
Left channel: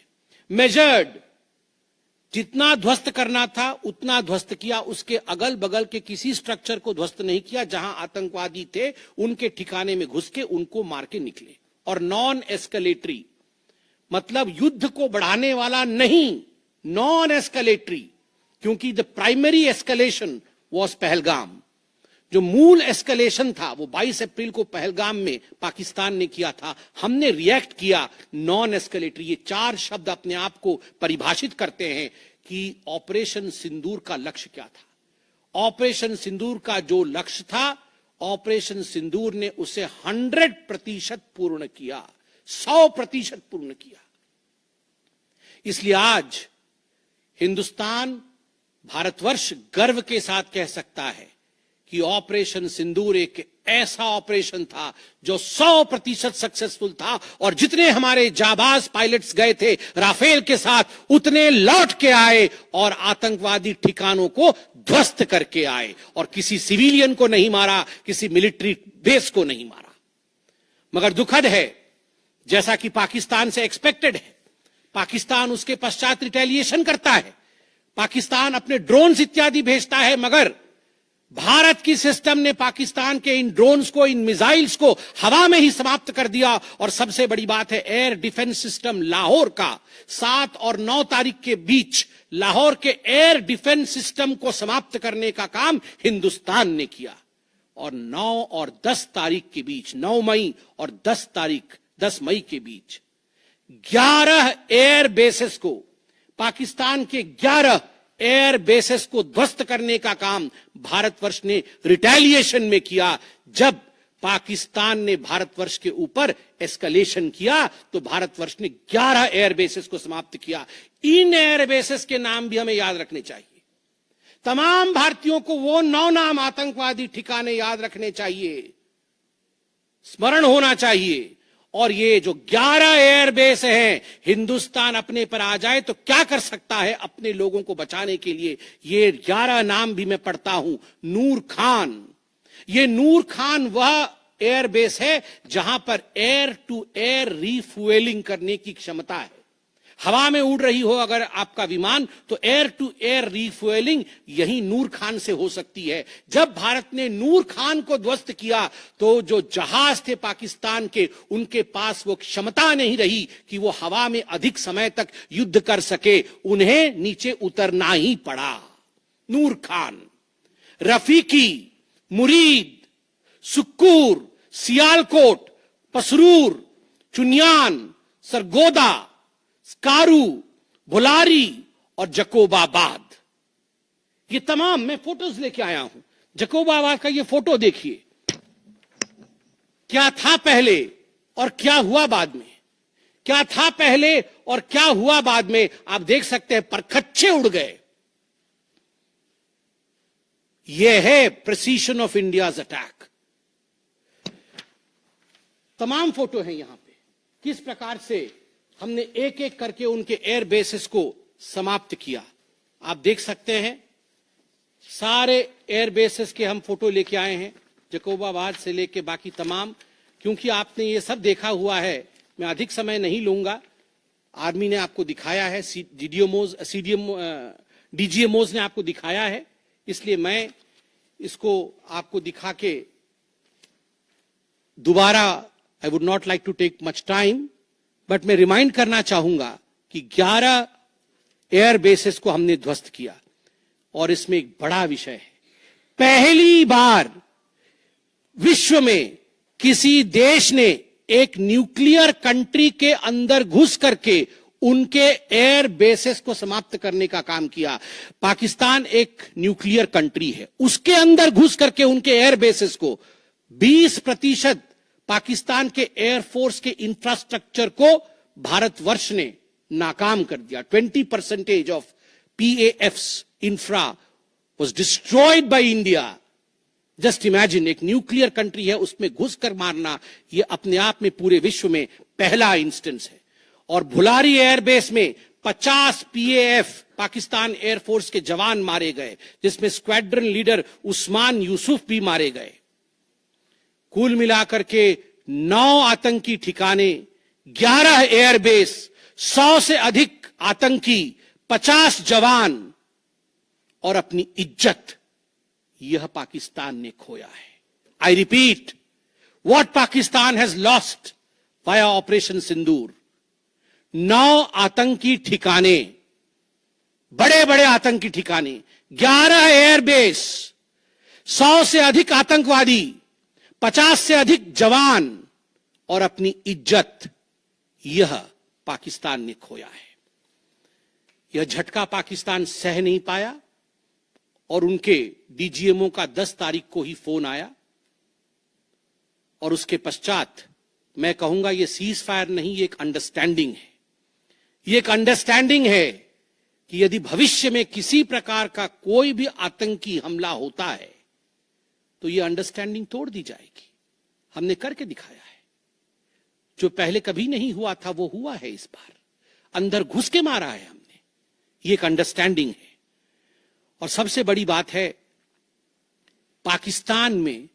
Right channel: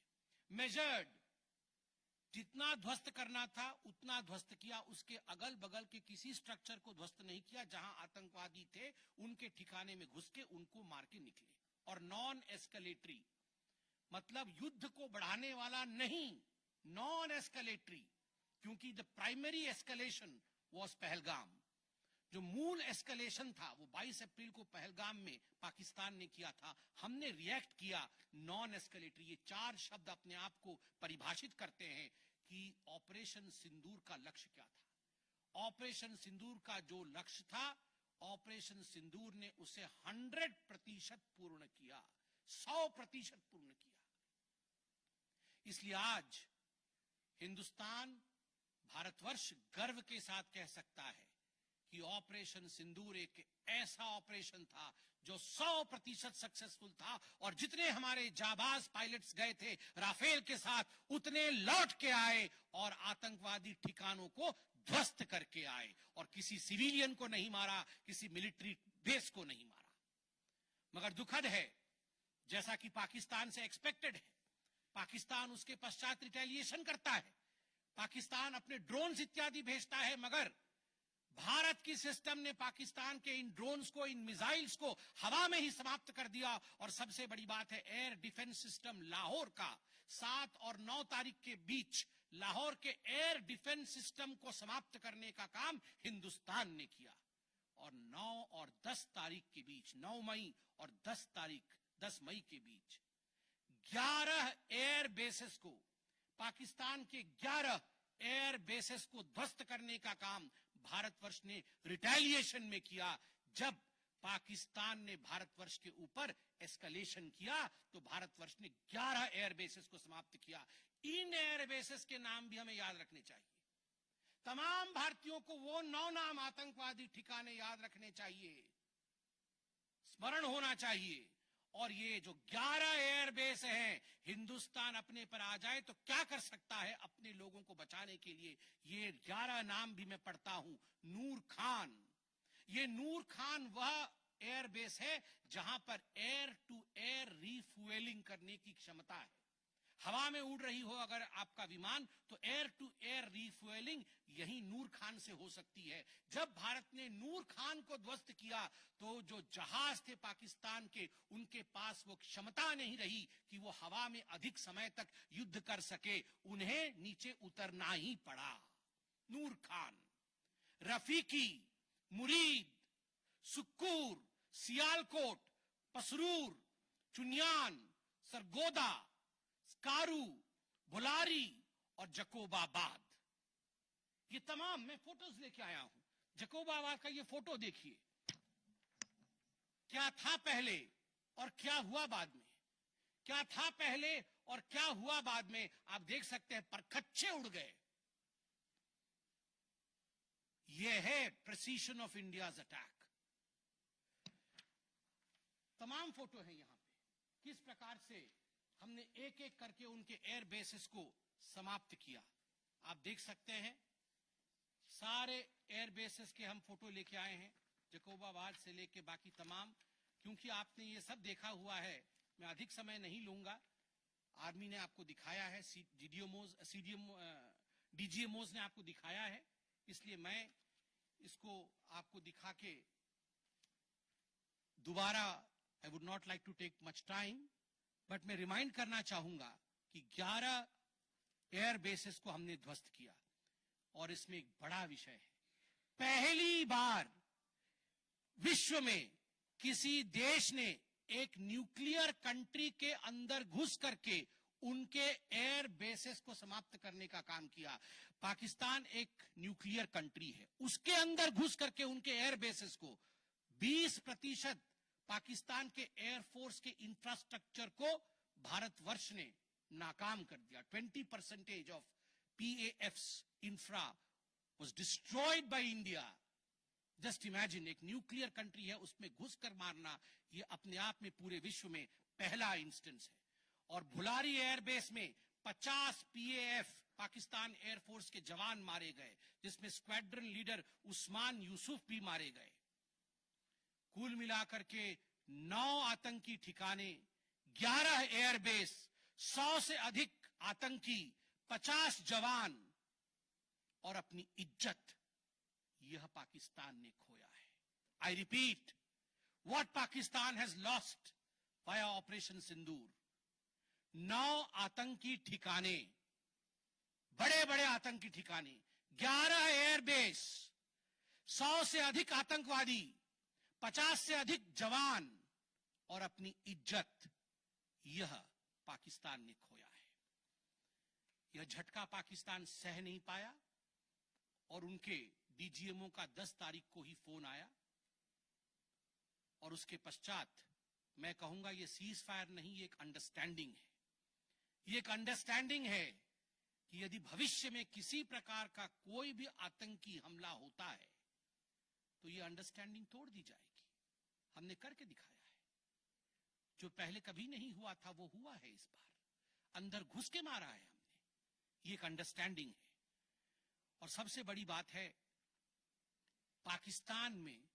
मेजर्ड, जितना ध्वस्त करना था उतना ध्वस्त किया, उसके अगल बगल के किसी स्ट्रक्चर को ध्वस्त नहीं किया। जहां आतंकवादी थे उनके ठिकाने में घुस के उनको मार के निकले। और नॉन एस्केलेटरी मतलब युद्ध को बढ़ाने वाला नहीं, नॉन एस्केलेटरी, क्योंकि the primary escalation was Pahalgam. जो मूल एस्केलेशन था वो 22 अप्रैल को पहलगाम में पाकिस्तान ने किया था। हमने रिएक्ट किया नॉन एस्केलेटरी। ये 4 शब्द अपने आप को परिभाषित करते हैं कि ऑपरेशन सिंदूर का लक्ष्य क्या था। ऑपरेशन सिंदूर का जो लक्ष्य था, ऑपरेशन सिंदूर ने उसे 100% पूर्ण किया, 100% पूर्ण किया। इसलिए आज हिंदुस्तान, भारतवर्ष गर्व के साथ कह सकता है कि ऑपरेशन सिंदूर एक ऐसा ऑपरेशन था जो 100% सक्सेसफुल था, और जितने हमारे जाबाज पायलट्स गए थे राफेल के साथ, उतने लौट के आए और आतंकवादी ठिकानों को ध्वस्त करके आए, और किसी सिविलियन को नहीं मारा, किसी मिलिट्री बेस को नहीं मारा। मगर दुखद है, जैसा कि पाकिस्तान से एक्सपेक्टेड है, पाकिस्तान उसके पश्चात रिटेलिएशन करता है, पाकिस्तान अपने ड्रोन्स इत्यादि भेजता है, मगर भारत की सिस्टम ने पाकिस्तान के इन ड्रोन्स को, इन मिसाइल्स को हवा में ही समाप्त कर दिया। और सबसे बड़ी बात है, एयर डिफेंस सिस्टम लाहौर का 7 और 9 तारीख के बीच लाहौर के एयर डिफेंस सिस्टम को समाप्त करने का काम हिंदुस्तान ने किया। और 9 और 10 तारीख के बीच, 9 मई और 10 मई के बीच 11 एयर बेसेस को, पाकिस्तान के 11 एयर बेसेस को ध्वस्त करने का काम भारतवर्ष ने रिटेलिएशन में किया। जब पाकिस्तान ने भारतवर्ष के ऊपर एस्केलेशन किया तो भारतवर्ष ने 11 एयर बेसेस को समाप्त किया। इन एयर बेसेस के नाम भी हमें याद रखने चाहिए। तमाम भारतीयों को वो 9 नाम आतंकवादी ठिकाने याद रखने चाहिए, स्मरण होना चाहिए। और ये जो 11 एयरबेस हैं, हिंदुस्तान अपने पर आ जाए तो क्या कर सकता है अपने लोगों को बचाने के लिए। ये 11 नाम भी मैं पढ़ता हूं। नूर खान, ये नूर खान वह एयरबेस है जहां पर एयर टू एयर रीफ्यूएलिंग करने की क्षमता है। हवा में उड़ रही हो अगर आपका विमान, तो एयर टू एयर रीफ्यूएलिंग यही नूर खान से हो सकती है। जब भारत ने नूर खान को ध्वस्त किया तो जो जहाज थे पाकिस्तान के, उनके पास वो क्षमता नहीं रही कि वो हवा में अधिक समय तक युद्ध कर सके, उन्हें नीचे उतरना ही पड़ा। नूर खान, रफीकी, मुरीद, सुक्कूर, सियालकोट, पसरूर, चुनियान, सरगोदा, स्कारू, भुलारी और जकोबाबाद, ये तमाम मैं फोटोज लेके आया हूं। जकोबाबाद का ये फोटो देखिए, क्या था पहले और क्या हुआ बाद में, क्या था पहले और क्या हुआ बाद में। आप देख सकते हैं परखच्चे उड़ गए। यह है प्रिसीशन ऑफ इंडियाज अटैक। तमाम फोटो है यहां पे, किस प्रकार से हमने एक एक करके उनके एयर बेसेस को समाप्त किया। आप देख सकते हैं सारे एयर बेसेस के हम फोटो लेके आए हैं, जकोबाबाद से लेके बाकी तमाम। क्योंकि आपने ये सब देखा हुआ है, मैं अधिक समय नहीं लूंगा। आर्मी ने आपको दिखाया है, डीजीएमओज ने आपको दिखाया है, इसलिए मैं इसको आपको दिखा के दोबारा, I would not like to take much time, but मैं रिमाइंड करना चाहूंगा कि 11 एयर बेसेस को हमने ध्वस्त किया। और इसमें एक बड़ा विषय है, पहली बार विश्व में किसी देश ने एक न्यूक्लियर कंट्री के अंदर घुस करके उनके एयर बेसेस को समाप्त करने का काम किया। पाकिस्तान एक न्यूक्लियर कंट्री है, उसके अंदर घुस करके उनके एयर बेसेस को 20% पाकिस्तान के एयरफोर्स के इंफ्रास्ट्रक्चर को भारतवर्ष ने नाकाम कर दिया। 20% of PAF's infra was destroyed by India. Just imagine, एक न्यूक्लियर कंट्री है, उसमें घुसकर मारना, यह अपने आप में पूरे विश्व में पहला इंस्टेंस है। और भुलारी एयरबेस में 50 PAF पाकिस्तान एयरफोर्स के जवान मारे गए, जिसमें स्क्वाड्रन लीडर उस्मान यूसुफ भी मारे गए। कुल मिलाकर के 9 आतंकी ठिकाने, 11 एयरबेस, 100 से अधिक आतंकी, 50 जवान और अपनी इज्जत, यह पाकिस्तान ने खोया है। I repeat, what Pakistan has lost via operation Sindoor. 9 आतंकी ठिकाने, बड़े बड़े आतंकी ठिकाने, 11 एयरबेस, 100 से अधिक आतंकवादी, 50 से अधिक जवान और अपनी इज्जत, यह पाकिस्तान ने खोया है। यह झटका पाकिस्तान सह नहीं पाया और उनके डीजीएमओ का 10 तारीख को ही फोन आया। और उसके पश्चात मैं कहूंगा यह सीज फायर नहीं, ये एक अंडरस्टैंडिंग है। ये एक अंडरस्टैंडिंग है कि यदि भविष्य में किसी प्रकार का कोई भी आतंकी हमला होता है तो ये अंडरस्टैंडिंग तोड़ दी जाएगी। हमने करके दिखाया है। जो पहले कभी नहीं हुआ था वो हुआ है इस बार। अंदर घुस के मारा है हमने। ये एक अंडरस्टैंडिंग है। और सबसे बड़ी बात है, पाकिस्तान में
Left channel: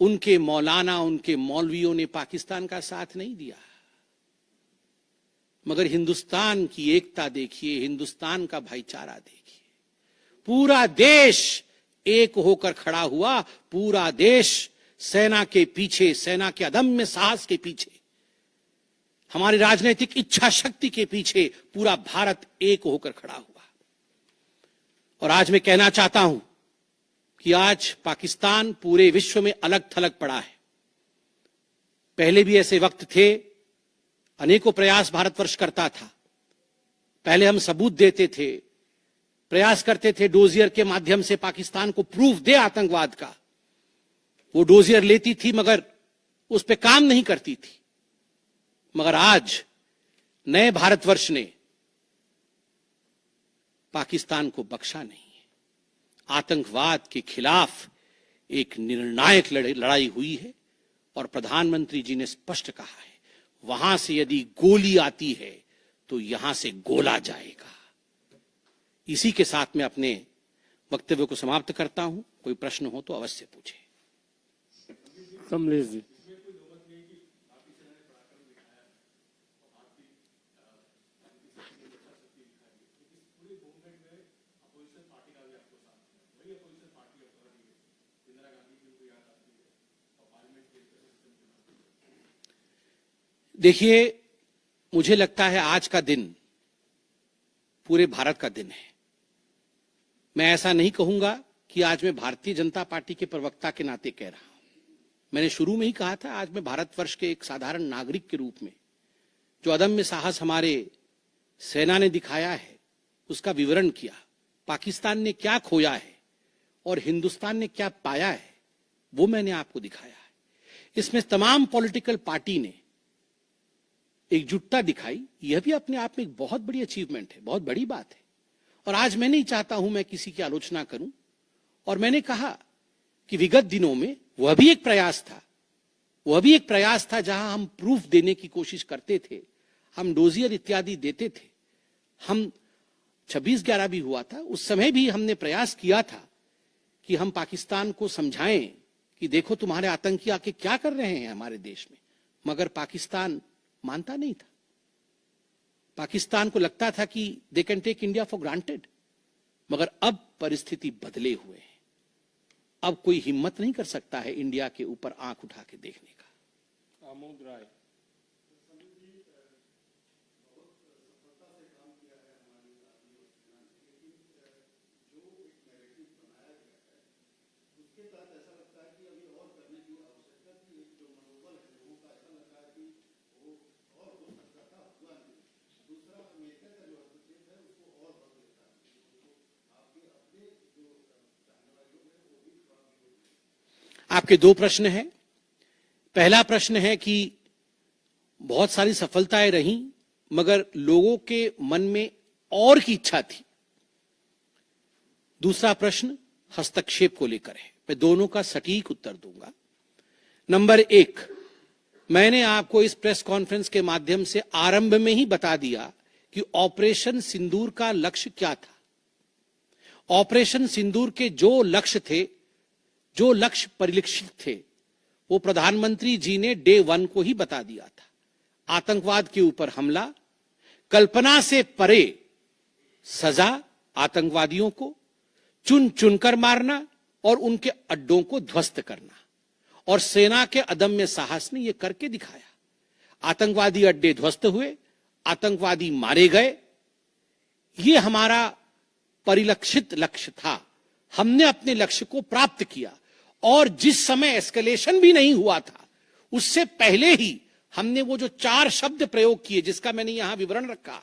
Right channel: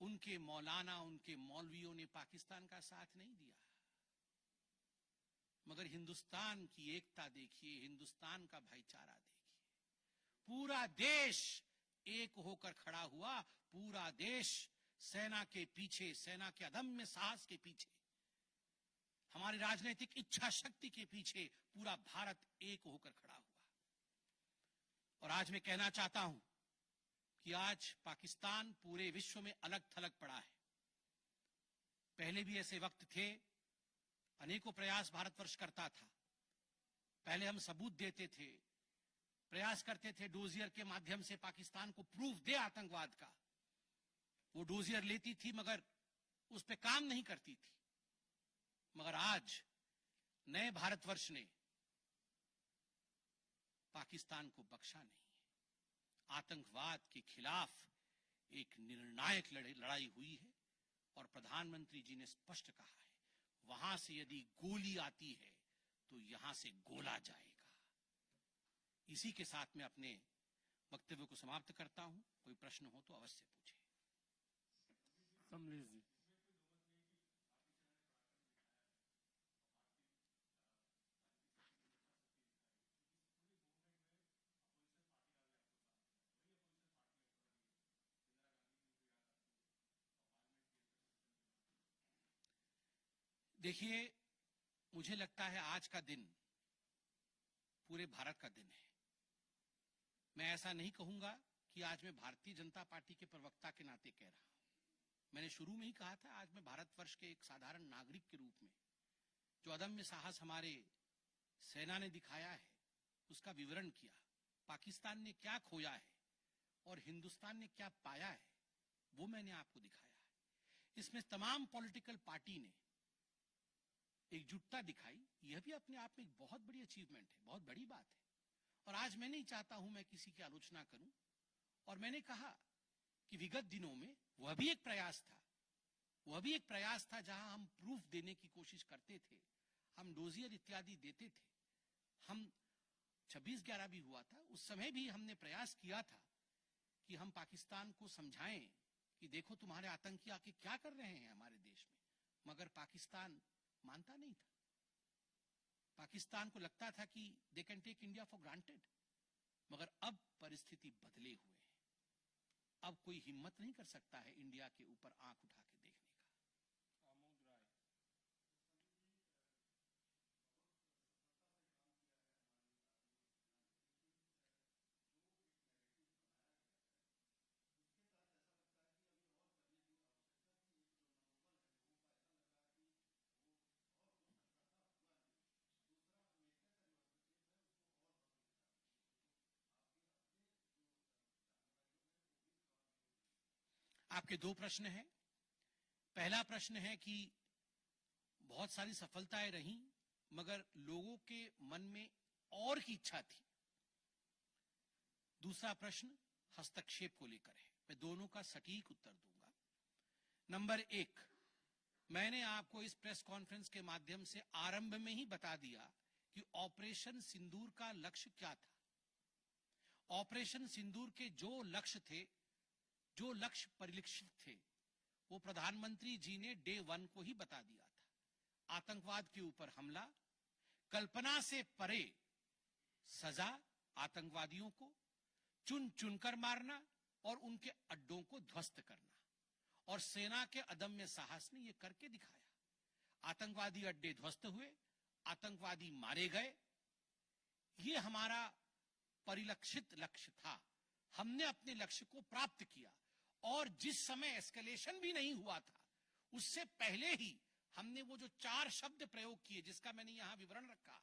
उनके मौलाना, उनके मौलवियों ने पाकिस्तान का साथ नहीं दिया, मगर हिंदुस्तान की एकता देखिए, हिंदुस्तान का भाईचारा देखिए। पूरा देश एक होकर खड़ा हुआ। पूरा देश सेना के पीछे, सेना के अदम्य साहस के पीछे, हमारी राजनीतिक इच्छा शक्ति के पीछे पूरा भारत एक होकर खड़ा हुआ। और आज मैं कहना चाहता हूं कि आज पाकिस्तान पूरे विश्व में अलग थलग पड़ा है। पहले भी ऐसे वक्त थे, अनेकों प्रयास भारतवर्ष करता था। पहले हम सबूत देते थे, प्रयास करते थे, डोजियर के माध्यम से पाकिस्तान को प्रूफ दे आतंकवाद का। वो डोजियर लेती थी मगर उस पर काम नहीं करती थी। मगर आज नए भारतवर्ष ने पाकिस्तान को बख्शा नहीं है। आतंकवाद के खिलाफ एक निर्णायक लड़ाई हुई है और प्रधानमंत्री जी ने स्पष्ट कहा है, वहां से यदि गोली आती है तो यहां से गोला जाएगा। इसी के साथ मैं अपने वक्तव्य को समाप्त करता हूं। कोई प्रश्न हो तो अवश्य पूछे। कमलेश जी। देखिए, मुझे लगता है आज का दिन पूरे भारत का दिन है। मैं ऐसा नहीं कहूंगा कि आज मैं भारतीय जनता पार्टी के प्रवक्ता के नाते कह रहा हूं। मैंने शुरू में ही कहा था, आज मैं भारतवर्ष के एक साधारण नागरिक के रूप में जो अदम्य साहस हमारे सेना ने दिखाया है उसका विवरण किया। पाकिस्तान ने क्या खोया है और हिंदुस्तान ने क्या पाया है वो मैंने आपको दिखाया है। इसमें तमाम पॉलिटिकल पार्टी ने एकजुटता दिखाई। यह भी अपने आप में एक बहुत बड़ी अचीवमेंट है, बहुत बड़ी बात है। और आज मैं नहीं चाहता हूं मैं किसी की आलोचना करूं। और मैंने कहा कि विगत दिनों में वह भी एक प्रयास था जहां हम प्रूफ देने की कोशिश करते थे, हम डोजियर इत्यादि देते थे। हम 26/11 भी हुआ था, उस समय भी हमने प्रयास किया था कि हम पाकिस्तान को समझाएं कि देखो तुम्हारे आतंकी आके क्या कर रहे हैं हमारे देश में। मगर पाकिस्तान मानता नहीं था। पाकिस्तान को लगता था कि they can take India for granted. मगर अब परिस्थिति बदले हुए है। अब कोई हिम्मत नहीं कर सकता है इंडिया के ऊपर आंख उठा के देखने का। आमोद राय। आपके दो प्रश्न हैं। पहला प्रश्न है कि बहुत सारी सफलताएं रही मगर लोगों के मन में और की इच्छा थी। दूसरा प्रश्न हस्तक्षेप को लेकर है। मैं दोनों का सटीक उत्तर दूंगा। नंबर 1, मैंने आपको इस प्रेस कॉन्फ्रेंस के माध्यम से आरंभ में ही बता दिया कि ऑपरेशन सिंदूर का लक्ष्य क्या था। ऑपरेशन सिंदूर के जो लक्ष्य थे, जो लक्ष्य परिलक्षित थे, वो प्रधानमंत्री जी ने डे 1 को ही बता दिया था। आतंकवाद के ऊपर हमला, कल्पना से परे सजा आतंकवादियों को, चुन चुनकर मारना और उनके अड्डों को ध्वस्त करना। और सेना के अदम्य साहस ने यह करके दिखाया। आतंकवादी अड्डे ध्वस्त हुए, आतंकवादी मारे गए। यह हमारा परिलक्षित लक्ष्य था। हमने अपने लक्ष्य को प्राप्त किया। और जिस समय एस्केलेशन भी नहीं हुआ था उससे पहले ही हमने वो जो 4 शब्द प्रयोग किए, जिसका मैंने यहां विवरण रखा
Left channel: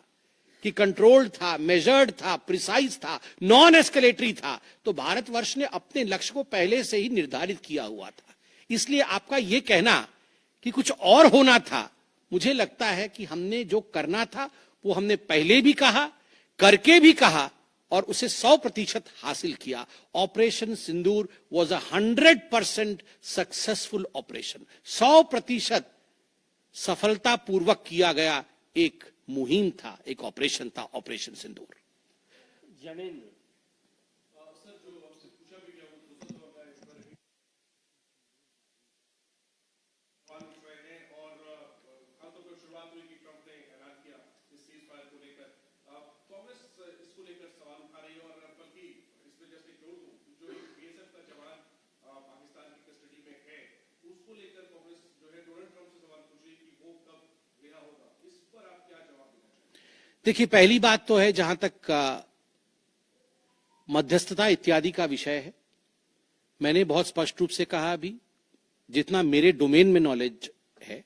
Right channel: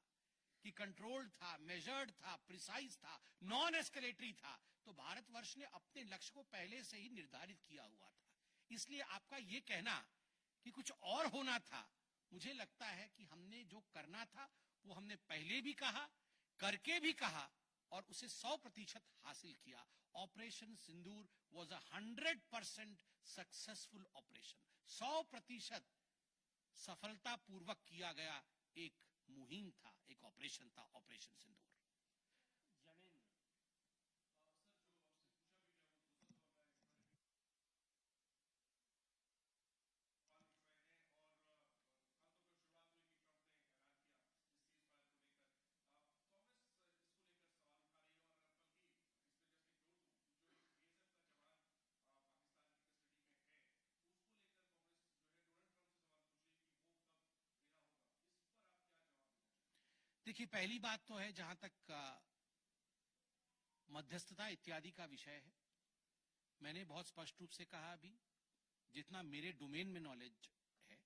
कि कंट्रोल्ड था, मेजर्ड था, प्रिसाइज था, नॉन एस्केलेटरी था, तो भारतवर्ष ने अपने लक्ष्य को पहले से ही निर्धारित किया हुआ था। इसलिए आपका यह कहना कि कुछ और होना था, मुझे लगता है कि हमने जो करना था वो हमने पहले भी कहा, करके भी कहा और उसे 100% हासिल किया। Operation Sindoor was 100% successful operation. 100% सफलतापूर्वक किया गया एक मुहिम था, एक ऑपरेशन था ऑपरेशन सिंदूर। जनेंद्र, देखिए, पहली बात तो है जहां तक मध्यस्थता इत्यादि का विषय है, मैंने बहुत स्पष्ट रूप से कहा अभी, जितना मेरे डोमेन में नॉलेज है,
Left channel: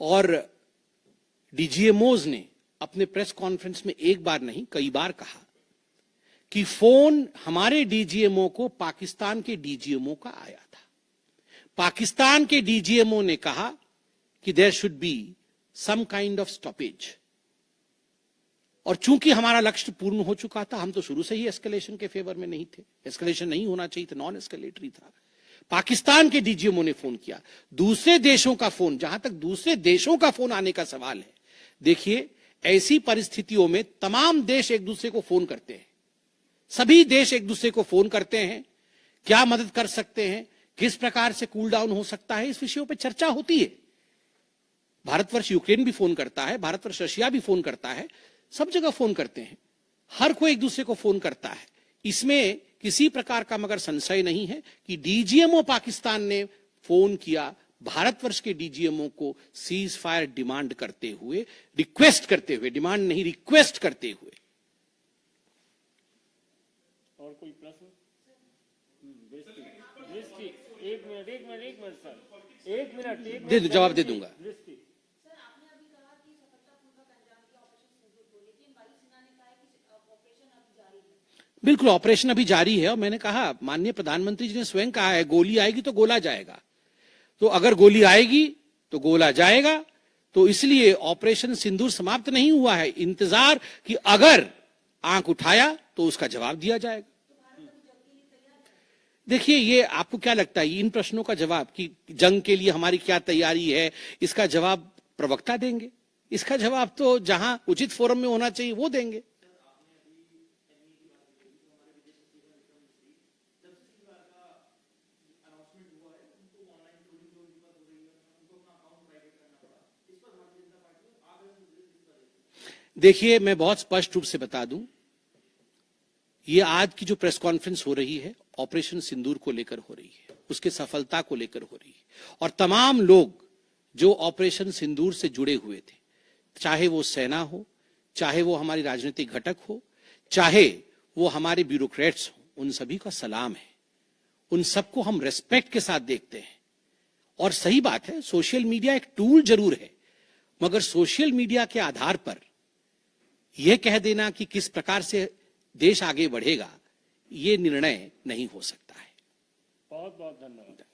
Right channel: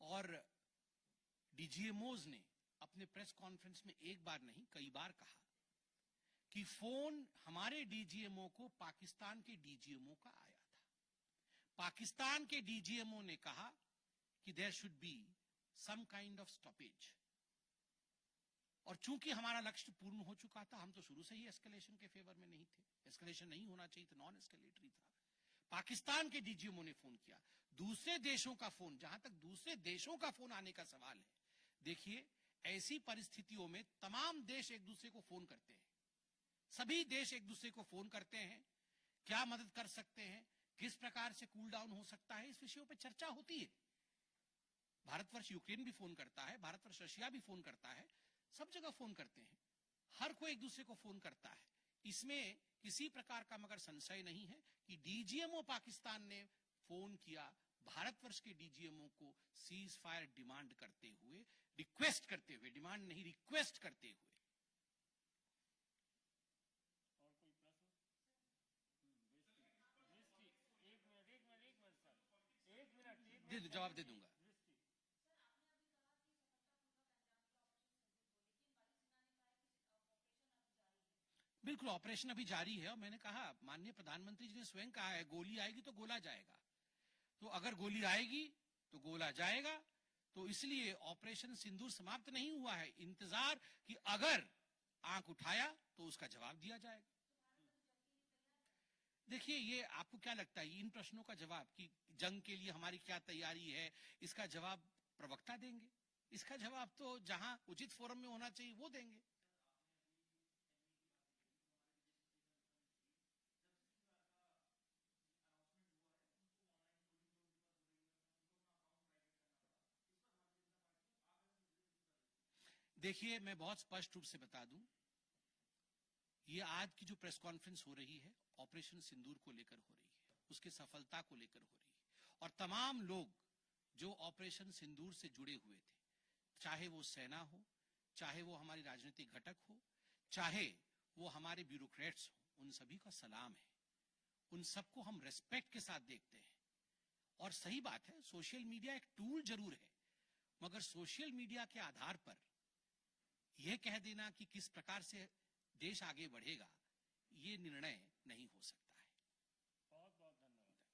और डीजीएमओज ने अपने प्रेस कॉन्फ्रेंस में एक बार नहीं कई बार कहा कि फोन हमारे डीजीएमओ को पाकिस्तान के डीजीएमओ का आया था। पाकिस्तान के डीजीएमओ ने कहा कि there should be some kind of stoppage, और चूंकि हमारा लक्ष्य पूर्ण हो चुका था, हम तो शुरू से ही एस्केलेशन के फेवर में नहीं थे, एस्केलेशन नहीं होना चाहिए था, नॉन एस्केलेटरी था। पाकिस्तान के डीजीएमओ ने फोन किया। दूसरे देशों का फोन, जहां तक दूसरे देशों का फोन आने का सवाल है, देखिए ऐसी परिस्थितियों में तमाम देश एक दूसरे को फोन करते हैं, सभी देश एक दूसरे को फोन करते हैं, क्या मदद कर सकते हैं, किस प्रकार से कूल डाउन हो सकता है, इस विषयों पर चर्चा होती है। भारतवर्ष यूक्रेन भी फोन करता है, भारतवर्ष रशिया भी फोन करता है, सब जगह फोन करते हैं, हर कोई एक दूसरे को फोन करता है। इसमें किसी प्रकार का मगर संशय नहीं है कि डीजीएमओ पाकिस्तान ने फोन किया भारतवर्ष के डीजीएमओ को सीज फायर डिमांड करते हुए, रिक्वेस्ट करते हुए, डिमांड नहीं रिक्वेस्ट करते हुए। और कोई प्रश्न? एक मिनट सर, एक मिनट दे दो, जवाब दे दूंगा। बिल्कुल, ऑपरेशन अभी जारी है, और मैंने कहा, माननीय प्रधानमंत्री जी ने स्वयं कहा है, गोली आएगी तो गोला जाएगा। तो अगर गोली आएगी तो गोला जाएगा, तो इसलिए ऑपरेशन सिंदूर समाप्त नहीं हुआ है। इंतजार कि अगर आंख उठाया तो उसका जवाब दिया जाएगा। देखिए, ये आपको क्या लगता है, इन प्रश्नों का जवाब कि जंग के लिए हमारी क्या तैयारी है, इसका जवाब प्रवक्ता देंगे। इसका जवाब तो जहां उचित फोरम में होना चाहिए वो देंगे। देखिए, मैं बहुत स्पष्ट रूप से बता दूं, ये आज की जो प्रेस कॉन्फ्रेंस हो रही है ऑपरेशन सिंदूर को लेकर हो रही है, उसके सफलता को लेकर हो रही है, और तमाम लोग जो ऑपरेशन सिंदूर से जुड़े हुए थे, चाहे वो सेना हो, चाहे वो हमारी राजनीतिक घटक हो, चाहे वो हमारे ब्यूरोक्रेट्स हो, उन सभी का सलाम है। उन सबको हम रेस्पेक्ट के साथ देखते हैं। और सही बात है, सोशल मीडिया एक टूल जरूर है, मगर सोशल मीडिया के आधार पर यह कह देना कि किस प्रकार से देश आगे बढ़ेगा, ये निर्णय नहीं हो सकता है। बहुत बहुत धन्यवाद।